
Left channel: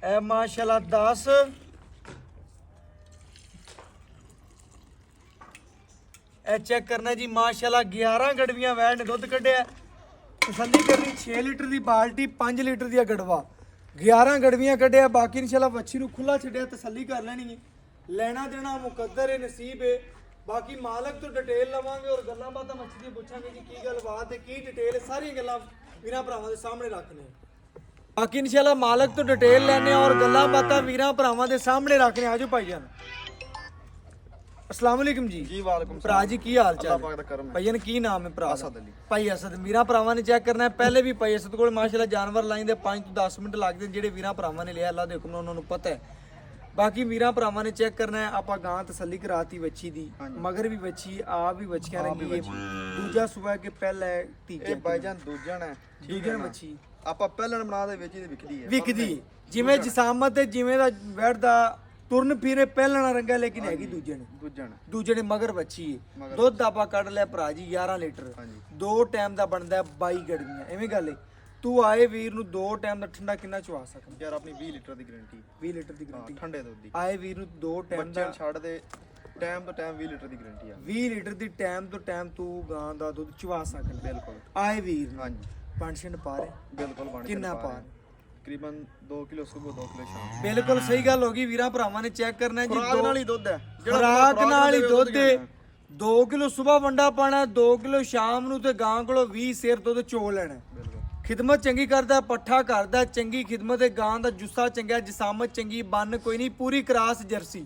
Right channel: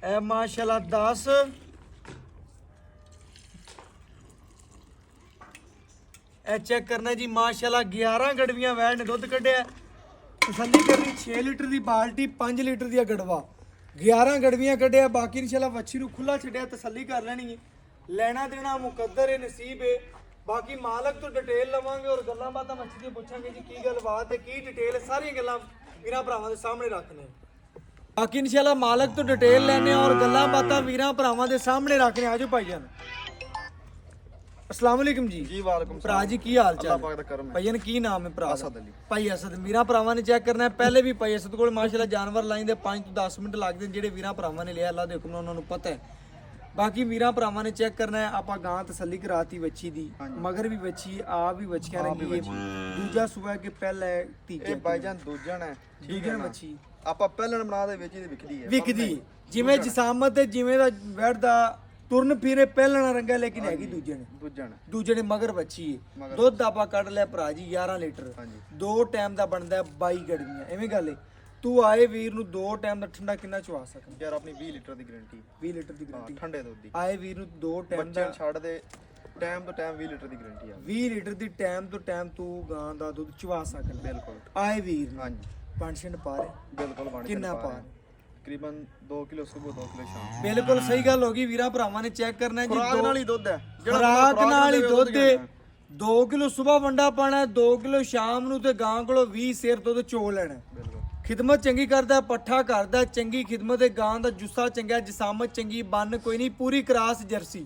ए माशाल्लाह 10 ਇਹ ਚੈੱਕ ਕਰਨਾ ਜੀ ਮਾਸ਼ਾਅੱਲਾ 11 ਗੜਵੀਆਂ ਵੈੜ ਨੇ ਦੁੱਧ ਕੱਢਿਆ ਤਸੱਲੀ ਕਰਨੀ 6 ਲੀਟਰ ਦੀ ਬਾਲਟੀ 5 ਲੀਟਰ ਦੀ ਗੜਵਾ 11 ਗੜਵੀਆਂ ਕੱਢਿਆ ਬਾਕੀ ਇਨਸ਼ਾਅੱਲਾ ਵੱਛੀ ਨੂੰ ਖੁੱਲਾ ਛੱਡਿਆ ਤਸੱਲੀ ਕਰ ਲੈਣੀ ਹੈ ਲੈਣਾ ਦੇਣਾ ਮੁਕੱਦਰ ਹੈ ਨਸੀਬ ਹੈ ਬਾਕੀ ਮਾਲਕ ਤੋਂ ਡਿਟੇਲ ਲਵਾਂਗੇ ਔਰ ਗੱਲਾਂ ਬਾਤਾਂ ਵੱਛੀ ਦੀਆਂ ਪੁੱਛਾਂਗੇ ਜੀ ਕੀ ਗੱਲਬਾਤ ਹੈ ਕੀ ਡਿਟੇਲ ਸਾਰੀਆਂ ਗੱਲਾਂ ਵੀਰਾਂ ਭਰਾਵਾਂ ਦੇ ਸਾਹਮਣੇ ਰੱਖਣੇ ਬਾਕੀ ਇਨਸ਼ਾਅੱਲਾ ਮਾਲਕ ਤੋਂ ਡਿਟੇਲ ਲੈਣੇ ਔਰ ਗੱਲਾਂ ਬਾਤਾਂ ਵੀਰਾਂ ਭਰਾਵਾਂ ਦੇ ਸਾਹਮਣੇ ਰੱਖਣੇ ਆਜੋ ਭਾਈਜਾਨ अस्सलाम वालेकुम जी जी वालेकुम ਭਰਾ ਜੀ ਕੀ ਹਾਲ ਚਾਲ ਅੱਲਾਹ ਪਾਕ ਦਾ ਕਰਮ ਹੈ ਭਾਈਨ ਕੀ ਨਾਮ ਹੈ ਭਰਾ ਅਸਦ ਅਲੀ ਭਾਈ ਅਸਦ ਵੀਰਾਂ ਭਰਾਵਾਂ ਨੇ ਚੈੱਕ ਕਰਨਾ ਹੈ ਪਹਿਲੇ ਵੀ ਭਾਈ ਅਸਦ ਕੋਲ ਮਾਸ਼ਾਅੱਲਾ ਜਾਨਵਰ ਲਾਈਂਦੇ 5 ਤੋਂ 10 ਮਿੰਟ ਲੱਗਦੇ ਜਿਹੜੇ ਵੀਰਾਂ ਭਰਾਵਾਂ ਨੇ ਲਿਆ ਅੱਲਾਹ ਦੇ ਹੁਕਮ ਨਾਲ ਉਹਨਾਂ ਨੂੰ ਪਤਾ ਹੈ ਬਾਕੀ ਵੀਰਾਂ ਭਰਾਵਾਂ ਨੇ ਚੈੱਕ ਕਰਨਾ ਹੈ। ਆਪਾਂ ਗਾਂ ਤਸੱਲੀ ਕਰਾਤੀ ਵੱਛੀ ਦੀ, ਮਗਰ ਵੀ ਵੱਛੀ, ਆਪ ਵੀ ਵੱਛੀਆਂ ਰੰਗੀ ਹੈ। ਦੂਜਾ ਸੂਆ ਕਿ ਪਹਿਲਾ ਹੈ, ਇਹ ਤੀਜਾ ਬਾਈਜਾਨ ਦੂਜਣ ਹੈ, ਦੂਜਾ ਵੱਛੀ ਆਪਾਂ ਪਹਿਲਣ ਬਣਾ ਦੇ ਵਿੱਚ ਹੀ ਵਿਕਦੀ ਹੈ। ਵਿਕਦੀ ਜਿਵੇਂ ਜਿਸਾਮਤ ਤੇ ਜਿਵੇਂ ਦਾ ਵੈੜ ਦਾ ਤੁਰਨ ਫਿਰੇ ਪਹਿਲਣਾ ਰੰਗਾ, ਲੇਕਿਨ ਹੈਗੀ ਦੂਜੇ ਨੇ ਮਗਰ ਵੱਛੀ ਹੈ। ਦੁੱਧ ਆਪਾਂ ਕੱਢ ਲਿਆ ਭਰਾ ਜੀ 11 ਲੀਟਰ, 2 ਟਾਈਮ ਦਾ ਬਣਦਾ 22 ਗੜਵੀਆਂ। ਐਵੇਂ ਗੱਲ ਹੈ, ਤੂੰ ਆਏ ਵੀਰ ਨੂੰ 2 ਟਾਈਮ ਦਾ ਠੰਡਾ ਕਿੰਨਾ ਚਵਾ ਸਕਦਾ ਯਾਰ? ਆਪਣੀ 20 ਲੀਟਰ ਦੀ ਗਾਰੰਟੀ, 20 ਲੀਟਰ ਦੀ ਗਾਰੰਟੀ ਠੰਡੇ ਦੁੱਧ ਦੀ। ਆਏ ਵੀਰ ਨੂੰ 2 ਟਾਈਮ ਦਾ ਬੱਚੇ ਛੱਡ ਦੇ ਟਾਈਮ ਤੋਂ ਟਾਈਮ 20 ਲੀਟਰ ਦੀ ਗਾਰੰਟੀ ਆ। 20 ਲੀਟਰ ਦੀ ਟਾਈਮ ਤੋਂ ਟਾਈਮ ਤੂੰ ਗਾਂ ਦਾ ਦੁੱਧ ਚਵਾ ਸਕਦਾ। ਬਿਲਕੁਲ ਆਏ ਵੀਰ ਨੂੰ ਹਾਂਜੀ, ਪੰਛਣ ਪਾ ਰਹੇ ਬਿਲਕੁਲ ਬਣ ਕਿੰਨਾ ਪਾ ਰਹੇ? ਤਕਰੀਬਨ 2 ਕਿਲੋ ਸਵੇਰ 2 ਕਿਲੋ ਸ਼ਾਮ। ਬਿਲਕੁਲ ਸਹੀ ਗੱਲ ਹੋ ਗਈ। ਵੀਰਾਂ ਭਰਾਵਾਂ ਨੇ ਚੈੱਕ ਕਰਨਾ ਜੀ, ਖੁਰਾਕ ਨਾਲ ਹੀ ਦੁੱਧ ਹੈ, ਖੁਰਾਕ ਨਾਲ ਹੀ ਦੁੱਧ ਹੈ। 2 ਕਿਲੋ ਸਵੇਰ ਵੰਡਾ ਪਾਣਾ, 2 ਕਿਲੋ ਸ਼ਾਮ ਨੂੰ, ਤੇ ਗਾਂ ਕੋਲੋਂ 20 ਸੇਰ ਦੁੱਧ ਚੋ ਲੈਣਾ। ਬਿਲਕੁਲ ਖਿਦਮਤ ਚੰਗੀ ਕਰਦਾ, ਪੱਠਾ ਕਰਦਾ, ਚੰਗੀ ਖਿਦਮਤ ਹੈ। ਗਾਂ ਦਾ ਜੁੱਸਾ ਚੰਗਾ, ਜਿਸਾਮਤ ਚੰਗੀ, ਬੰਨ ਕੋਈ ਨਹੀਂ, ਪੂਰੀ ਕਰਾਸ ਜਰਸੀ।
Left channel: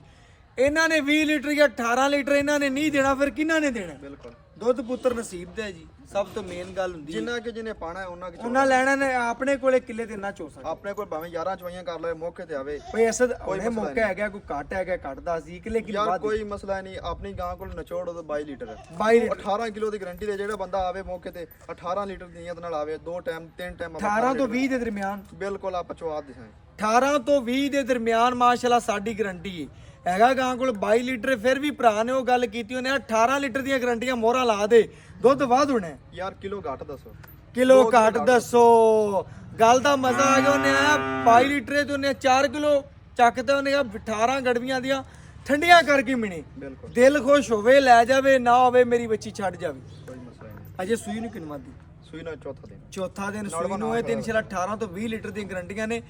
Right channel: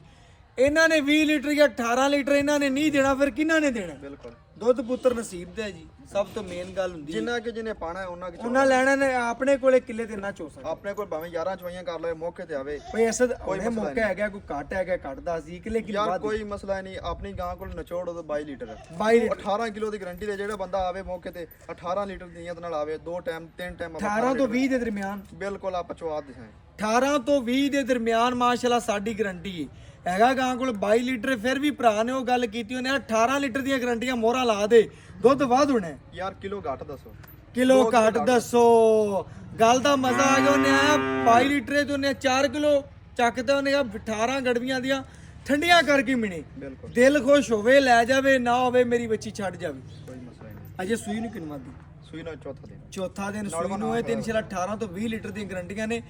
ਇਹਨਾਂ ਨੇ 20 ਲੀਟਰ ਜਾਂ 18 ਲੀਟਰ ਇਹਨਾਂ ਨੇ ਨਹੀਂ ਦੇਣਾ, ਫਿਰ ਕਿਹਨਾਂ ਨੇ ਦੇਣਾ? ਬਿਲਕੁਲ ਦੁੱਧ ਪੁੱਤਰ ਨਸੀਬ ਦਾ ਹੈ ਜੀ, ਸਭ ਤੋਂ ਮੇਨ ਗੱਲ ਹੁੰਦੀ ਹੈ। ਜਿੰਨਾ ਕਿ ਜਿਹਨੇ ਪਾਣਾ ਹੈ ਉਹਨਾਂ ਲੈਣਾ ਨੇ, ਆਪਣੇ ਕੋਲੇ ਕਿੱਲੇ ਤੇ ਨਾ ਚੋ ਸਕਦਾ। ਆਪਣੇ ਕੋਲ ਭਾਵੇਂ 11 ਚਵਾਈਆਂ ਕਰ ਲਵੇ, ਮੌਕੇ ਤੇ ਆਵੇ। ਕੋਈ ਐਸਾ ਉਹਨੇ ਮੌਕਾ ਹੈਗਾ, ਕੋਈ ਘੱਟ ਹੈਗਾ, ਕੱਟਦਾ ਸੀ ਕਿ ਲੇਕਿਨ ਯਾਰ ਕੋਈ ਮਸਲਾ ਨਹੀਂ। ਆਪਣੀ ਗਾਂ ਕੋਲ ਨਿਚੋੜ ਉਹਦਾ 22 ਲੀਟਰ ਹੈ, 22 ਲੀਟਰ 18 ਕਿਲੋ ਦੀ ਗਾਰੰਟੀ ਦੇ। ਜਿਹੜਾ ਬੰਦਾ ਆਵੇ ਮੌਕੇ ਤੇ 18 ਲੀਟਰ ਦੀ ਨੀਅਤ ਨਾਲ ਆਵੇ, 2 ਟਾਈਮ 3 ਟਾਈਮ 18 ਤੋਂ 20 ਦੇ ਦਰਮਿਆਨ, ਬਿਲਕੁਲ ਆਪਾਂ ਚਵਾ ਦਿਸਾਂ। 18 ਤੋਂ 20 ਦੇ ਦਰਮਿਆਨ ਮਾਸ਼ਾਅੱਲਾ ਸਾਡੀ ਗਾਰੰਟੀ ਹੈ। ਹੈਗਾ ਗਾਂ ਕੋਲ 22 ਲੀਟਰ, ਫਿਰ ਵੀ ਭਰਾ ਨੇ ਉਹ ਗੱਲ ਕੀਤੀ ਉਹਨੇ 18 ਲੀਟਰ ਦੀਆਂ ਗਾਰੰਟੀਆਂ ਮੋਹਰਾਂ ਲਾ ਦੇ, ਦੁੱਧ ਵੱਧ ਹੋਣਾ। ਯਾਰ ਕਿਲੋ ਘੱਟ ਦੱਸੋ, ਕਿਲੋ ਘੱਟ ਦੱਸੋ। ਗੱਲ ਦਾ ਮਜ਼ਾ ਆ ਗਿਆ। ਉਹਨੇ ਆਇਆ 22 ਲੀਟਰ ਤੇ ਉਹਨੇ 4 ਕਿਲੋ ਚੱਕਦੇ, ਉਹਨੇ ਕਿਹਾ 18 ਗੜਵੀਆਂ ਦੀਆਂ ਠੰਡੀਆਂ ਕਰਕੇ ਮਿਣੇ। ਬਿਲਕੁਲ ਦਿਲ ਖੁਸ਼ ਹੋਵੇ ਲੈ ਜਾਵੇ, ਨਾ ਹੋਵੇ ਮੇਰੀ ਬੱਚੀ ਛੱਡ ਜਾਵੇ। ਕੋਈ ਮਸਲਾ ਨਹੀਂ। ਅਜੇ ਸੂਈ ਨੂੰ ਕਿੰਨਾ ਦੀ? ਸੂਈ ਨਾਲ ਚੌਥਾ ਦਿਨ, ਚੌਥਾ ਦਿਨ ਸੂਈ ਨੂੰ ਹੈ। 18 ਤੋਂ 20 ਲੀਟਰ ਦੀਆਂ ਗਾਰੰਟੀਆਂ ਨੇ।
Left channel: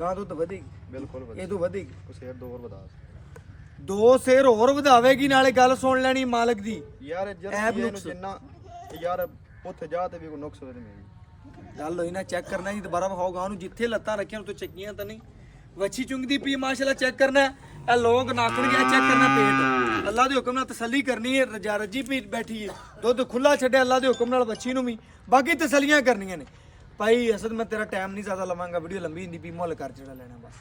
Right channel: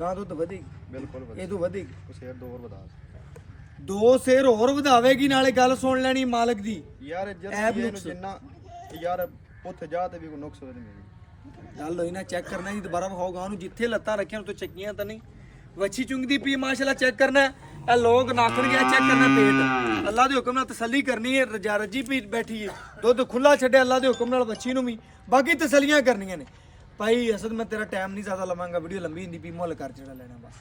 ਗਾਂ ਦੁੱਧ ਵਧੇਗੀ, ਬਿਲਕੁਲ ਇਹ ਤੋਂ ਵਧੇਗੀ। ਕੁਛ ਹੋਰ 2 ਹੋਰ ਵਧਾ 2 ਸੇਰ ਹੋਰ ਵਧਾਵੇਗੀ। ਨਾਲੇ ਗੱਲ ਸੁਣ ਲੈਣੀ ਮਾਲਕ ਦੀ, ਯਾਰ। ਜਰਸੀ ਨੂੰ ਜਿੰਨਾ ਯਾਰ ਉੱਥੇ ਜਾ ਤੇ ਵੀ ਕੋਈ ਨੁਕਸ ਹੋਵੇ ਤੇ ਮੇਰੀ ਗੱਲ ਹੋਈ ਨਾ। ਚੈੱਕ ਕਰਨਾ ਜੀ, ਦੁਬਾਰਾ ਵਿਖਾਓ ਗਾਂ ਨੂੰ, ਜਿੱਥੇ ਲੱਤਾਂ ਰੱਖੀਆਂ ਉਤੋਂ ਚੱਕੀਆਂ ਤਾਂ ਨਹੀਂ। ਵੱਛੀ ਚੁੰਗਦੀ ਪਈ ਮਾਸ਼ਾਅੱਲਾ। ਚੈੱਕ ਕਰਨਾ ਇਹ ਲੋਕ ਨਾਖਣ ਗਿਆ, ਚੈੱਕ ਕਰਨਾ ਪੇਟ। ਅੱਲਾ ਦੇ ਹੁਕਮ ਨਾਲ ਤਸੱਲੀ ਕਰਨੀ ਹੈ। ਰਜਾ ਰੱਜੀ ਪੀ ਬੈਠੀ ਹੈ, ਦੁੱਧ ਖੁੱਲਾ ਛੱਡਿਆ ਅੱਲਾ ਦੇ ਹੁਕਮ ਨਾਲ ਵੱਛੀ ਨੂੰ ਵੀ। ਬਾਕੀ ਤਸੱਲੀਆਂ ਕਰਨੀਆਂ ਨੇ। ਭਾਈ ਅਸਦ ਮੈਂ ਤੇਰਾ ਟਾਈਮ ਨਹੀਂ ਜ਼ਿਆਦਾ ਲਵਾਂਗਾ, ਵੀਡੀਓ ਲੰਬੀ ਹੁੰਦੀ ਪਈ। ਮੁੱਲ ਕਰ ਜਿਹੜਾ ਲੈਣਾ ਬਸ।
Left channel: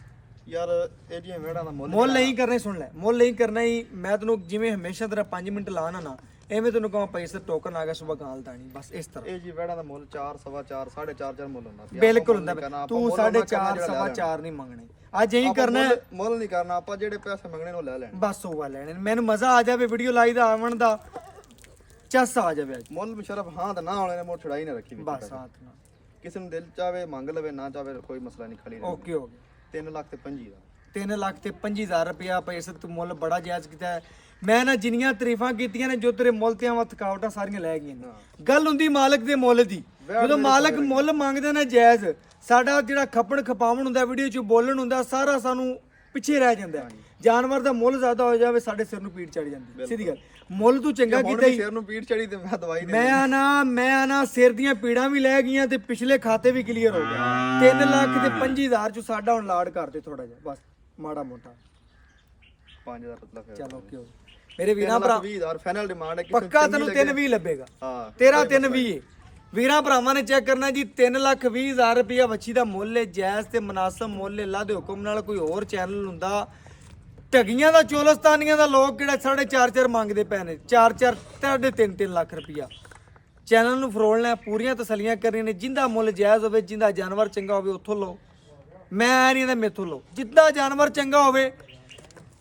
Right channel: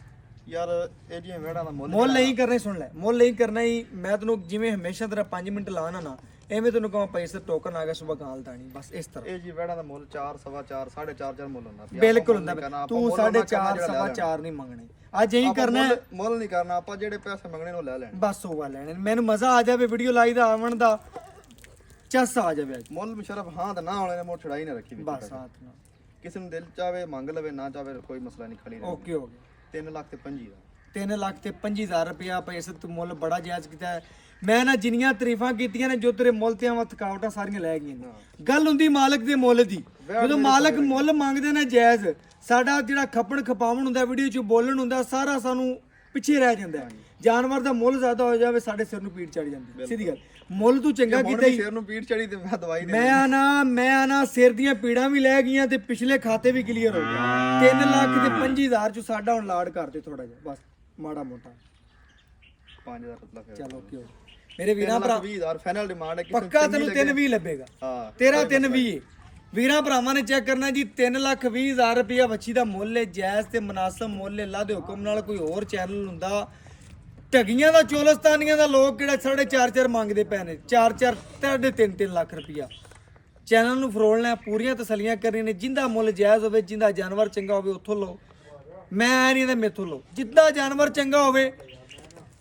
ਯਾਰ ਇਹ ਜਿਹੀਆਂ ਵੇੜਾਂ ਦਾ ਮੁੱਲ ਨਹੀਂ ਕਰਨਾ, ਸੁਣ ਲੈ, ਮੁੱਲ ਨਹੀਂ ਕਰਨਾ ਹੀ। ਮੈਂ ਤੈਨੂੰ ਜਿਵੇਂ ਹਮੇਸ਼ਾ ਤੇਰਾ 5 ਮਿੰਟ ਲਾਣਾ ਨਾ, ਐਵੇਂ ਤੈਨੂੰ ਕਹਾਂ ਪੈਸੇ ਟੋਕਨ ਆ ਗਿਆ ਸੁਬਾ ਗਾਲ ਦਾਣੀ, ਬਸ ਇਸ ਤਰ੍ਹਾਂ। ਇਹ ਜੀ ਵੇੜਾਂ ਦਾ ਮੁੱਲ 4 ਸਵਾ 4 4.5 ਮੁੱਲ ਹੁੰਦਾ। ਬਿਲਕੁਲ ਹੁੰਦਾ। ਤੂੰ 4.5 ਸਵਾ 4 ਨਹੀਂ ਮੰਗਣੇ। ਅੱਜ ਇਹੀ ਕਰਨਾ ਹੈ, ਮੁੱਲ ਨਹੀਂ ਕਰਨਾ ਆਪਾਂ। ਜਿਹੜੇ ਪੈਸੇ ਮੰਗਣੇ ਉਹ ਲੈ ਲੈਣੇ, ਬਸ ਉਹ ਲੈਣੇ। ਮੈਨੂੰ ਮਜ਼ਾ ਆ ਜਾਵੇ ਵੀਡੀਓ ਲਾਈ ਦਾ, ਆਵਣ ਦਾ ਚੱਸ ਆ ਜਾਵੇ। ਅੱਜ ਮੁੱਲ ਮੁਸ਼ਰਫ ਹਾਂ ਤਾਂ ਨਾ ਹੋਣੇ ਨੇ, ਮੋੜ ਛੜਾਈ ਨਾ ਰੱਖੀ ਵਿੱਚ। ਬਸ ਸਾਥ ਨਾਲ ਕਿਸੇ ਨੂੰ ਦਿਲ ਚਾਵੇ ਮੰਗ ਲਵੇ, ਨਾ ਚਾਵੇ ਕੋਈ ਮਸਲਾ ਨਹੀਂ। ਖਾਲੀ ਓਕੇ ਹੋ ਗਿਆ। 3 ਲੱਖ ਤੇ 25 ਦਾ, 3 ਲੱਖ ਤੇ 25,000 ਰੁਪਇਆ ਪੈਸੇ ਤੂੰ ਮੁੱਲ ਬੜਾ ਜਾਇਜ਼ ਕੀਤਾ ਹੈ। ਮੈਂ ਨਾ ਜਿੰਨੀਆਂ ਤਾਰੀਫਾਂ ਕੀਤੀਆਂ ਨੇ, ਜੋ ਤੇਰੇ ਮੁੱਲ ਤੇ ਆਵਾਂ ਥਕਾਵਟਾਂ ਸਾਰੀਆਂ ਲੈ ਗਈਆਂ ਨੇ। ਗੱਲ ਹੁੰਦੀ ਮਾਲਕ ਦੇ ਮੁੱਲ ਦੀ। ਜਦੋਂ ਮਾਲਕ ਮੁੱਲ ਮੰਗਦੇ ਨੇ ਜਾਇਜ਼, ਸਾਡਾ ਜਿਹੜਾ ਖੱਪਣ ਖਪਾਵਣ ਹੁੰਦਾ, ਵੀਡੀਓ 'ਚ ਬੋਲਣ ਹੁੰਦਾ, ਸਾਰਾ ਸਾਨੂੰ ਪਿੱਛੇ ਰਹਿ ਜਾਂਦਾ। ਜਾਨਵਰ ਦਾ ਮੁੱਲ ਜ਼ਿਆਦਾ ਹੋ ਜਾਵੇ, ਸਾਡੇ ਸਿਰ ਨੂੰ ਪੀੜ ਚੜ ਜਾਂਦੀ। ਸਿੱਧੀ ਗੱਲ, ਮੁੱਲ ਤੂੰ ਚੰਗਾ ਕੀਤਾ ਹੀ। ਸਿਰ ਨੂੰ ਪੀੜ ਚੜੀ ਤੇ ਮੈਂ ਦਵਾਈ ਦੇ ਮੈਂ ਨਾ ਸਿਰ ਦੀਆਂ ਪੀੜਾਂ ਵੀ ਲੈ ਗਈਆਂ ਤੇ ਪਿਛਲੇ ਖਾਤੇ ਵੀ ਕਲੀਅਰ ਹੋ ਗਏ। 3 ਲੱਖ ਤੇ 25,000 ਚ ਸਾਡਾ ਹੁਣ ਲਾਡ ਕਰਦੇ ਥੋੜਾ ਜਿਹਾ, ਬਸ ਮਾੜਾ ਮੋਟਾ 5000 ਪਤਲਾ ਫਿਰ। ਚਲੋ ਓਕੇ ਹੋ ਮੇਰੇ ਵੀਰਾਂ ਭਰਾ। 20000 ਫਾਈਨਲ ਡਿਮਾਂਡ ਹੈ। ਪੱਕਾ ਤੈਨੂੰ 320 ਲੱਭੇਗਾ। ਹਾਂ ਤੇਰਾ 320 ਵੀਰਾਂ ਭਰਾਵਾਂ ਨੇ ਚੈੱਕ ਕਰਨਾ ਜੀ। 3,20,000 ਰੁਪਇਆ ਵੱਛੀ ਦਾ ਮੁੱਲ ਹੈ, ਜਾਇਜ਼ ਤੇ ਮੁਨਾਸਬ ਮੁੱਲ ਹੈ। ਅੱਲਾ ਦੇ ਹੁਕਮ ਨਾਲ ਕੋਈ ਹੋਰ ਚੈਨਲ ਹੁੰਦਾ, ਢਗੀਆਂ ਦਾ, ਚੋਲਸਤਾਨੀਆਂ ਦਾ ਲੋਕ ਕਿਹੜਾ 4.5 ਮੰਗਦੇ ਪਏ ਨੇ, 4 3.5 ਲੱਖ ਰੁਪਇਆ। ਚੈਨਲ ਨੂੰ ਫਰੋਲਣਾ, ਪੂਰੀਆਂ ਤਸੱਲੀਆਂ ਕਰਨੀਆਂ ਨੇ। ਜਿੰਦਾ ਮੁੱਲ ਜਾਇਜ਼ ਹੋਵੇ, ਜਿੰਦਾ ਜਾਨਵਰ ਚੰਗਾ ਹੋਵੇ, ਉੱਥੋਂ ਲਓ। ਮੈਂ ਨਹੀਂ ਤਾਂ ਮੇਥੋਂ ਲਓ। ਜਿੱਦਾਂ ਜਾਨਵਰ ਚੰਗਾ ਹੋਵੇ,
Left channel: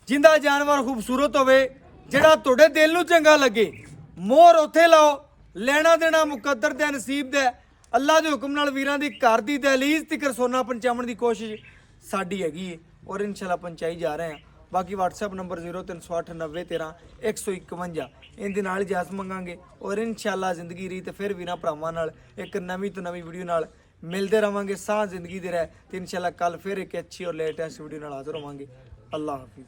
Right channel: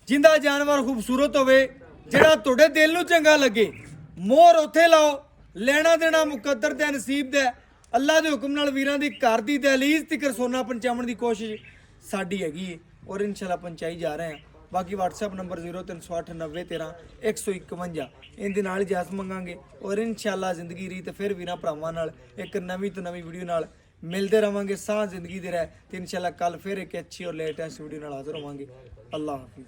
ਜਿੰਦਾ ਜਾਨਵਰ ਖੂਬਸੂਰਤ ਹੋਵੇ, ਜਿਹੜਾ ਤੁਹਾਡੇ ਦਿਲ ਨੂੰ ਚੰਗਾ ਲੱਗੇ, ਮੋਹਰ ਉੱਥੇ ਲਾਓ। ਲੈਣਾ ਦੇਣਾ ਮੁਕੱਦਰ ਤੇ ਨਸੀਬ ਦਾ। ਅੱਲਾ ਦੇ ਹੁਕਮ ਨਾਲ ਵੀਰਾਂ ਦੀ ਘਰ ਦੀ ਦਹਲੀਜ਼ ਤੱਕ ਸੋਨਾ ਪਹੁੰਚਾਉਣ ਦੀ ਕੋਸ਼ਿਸ਼ ਸਾਡੀ ਹੈਗੀ ਹੈ, ਔਰ ਇਨਸ਼ਾਅੱਲਾ ਪਹੁੰਚਾਈ ਜਾ ਰਹੇ ਹਾਂ। ਬਾਕੀ WhatsApp ਨੰਬਰ 0308901351, ਇਹਦੇ ਨਾਲ ਇਜਾਜ਼ਤ ਮੰਗਾਂਗੇ, ਔਰ ਇਨਸ਼ਾਅੱਲਾ ਜ਼ਿੰਦਗੀ ਰੀ ਤੇ ਫਿਰ ਵੀਰਾਂ ਭਰਾਵਾਂ ਨਾਲ ਇੱਕ ਨਵੀਂ ਤੋਂ ਨਵੀਂ ਵੀਡੀਓ ਨਾਲ ਮਿਲਦੇ ਰਵਾਂਗੇ। ਸਾਹ ਜ਼ਿੰਦਗੀ ਦੇ ਰਹਿ ਤੇ ਇਨਸ਼ਾਅੱਲਾ ਕੱਲ ਫਿਰ ਇੱਕ ਅੱਛੀ ਔਰ ਲੇਟੈਸਟ ਵੀਡੀਓ ਨਾਲ ਹਾਜ਼ਰ ਹੋਵਾਂਗੇ। ਅੱਲਾਹ ਹਾਫਿਜ਼।